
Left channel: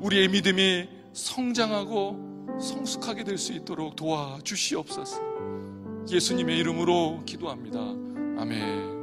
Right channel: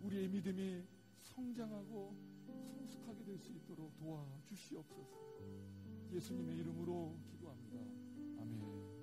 우리의 믿음이 성장하고 성숙하게 될 수 있도록 도와주시옵소서. 예수님의 이름으로 기도합니다. 아멘.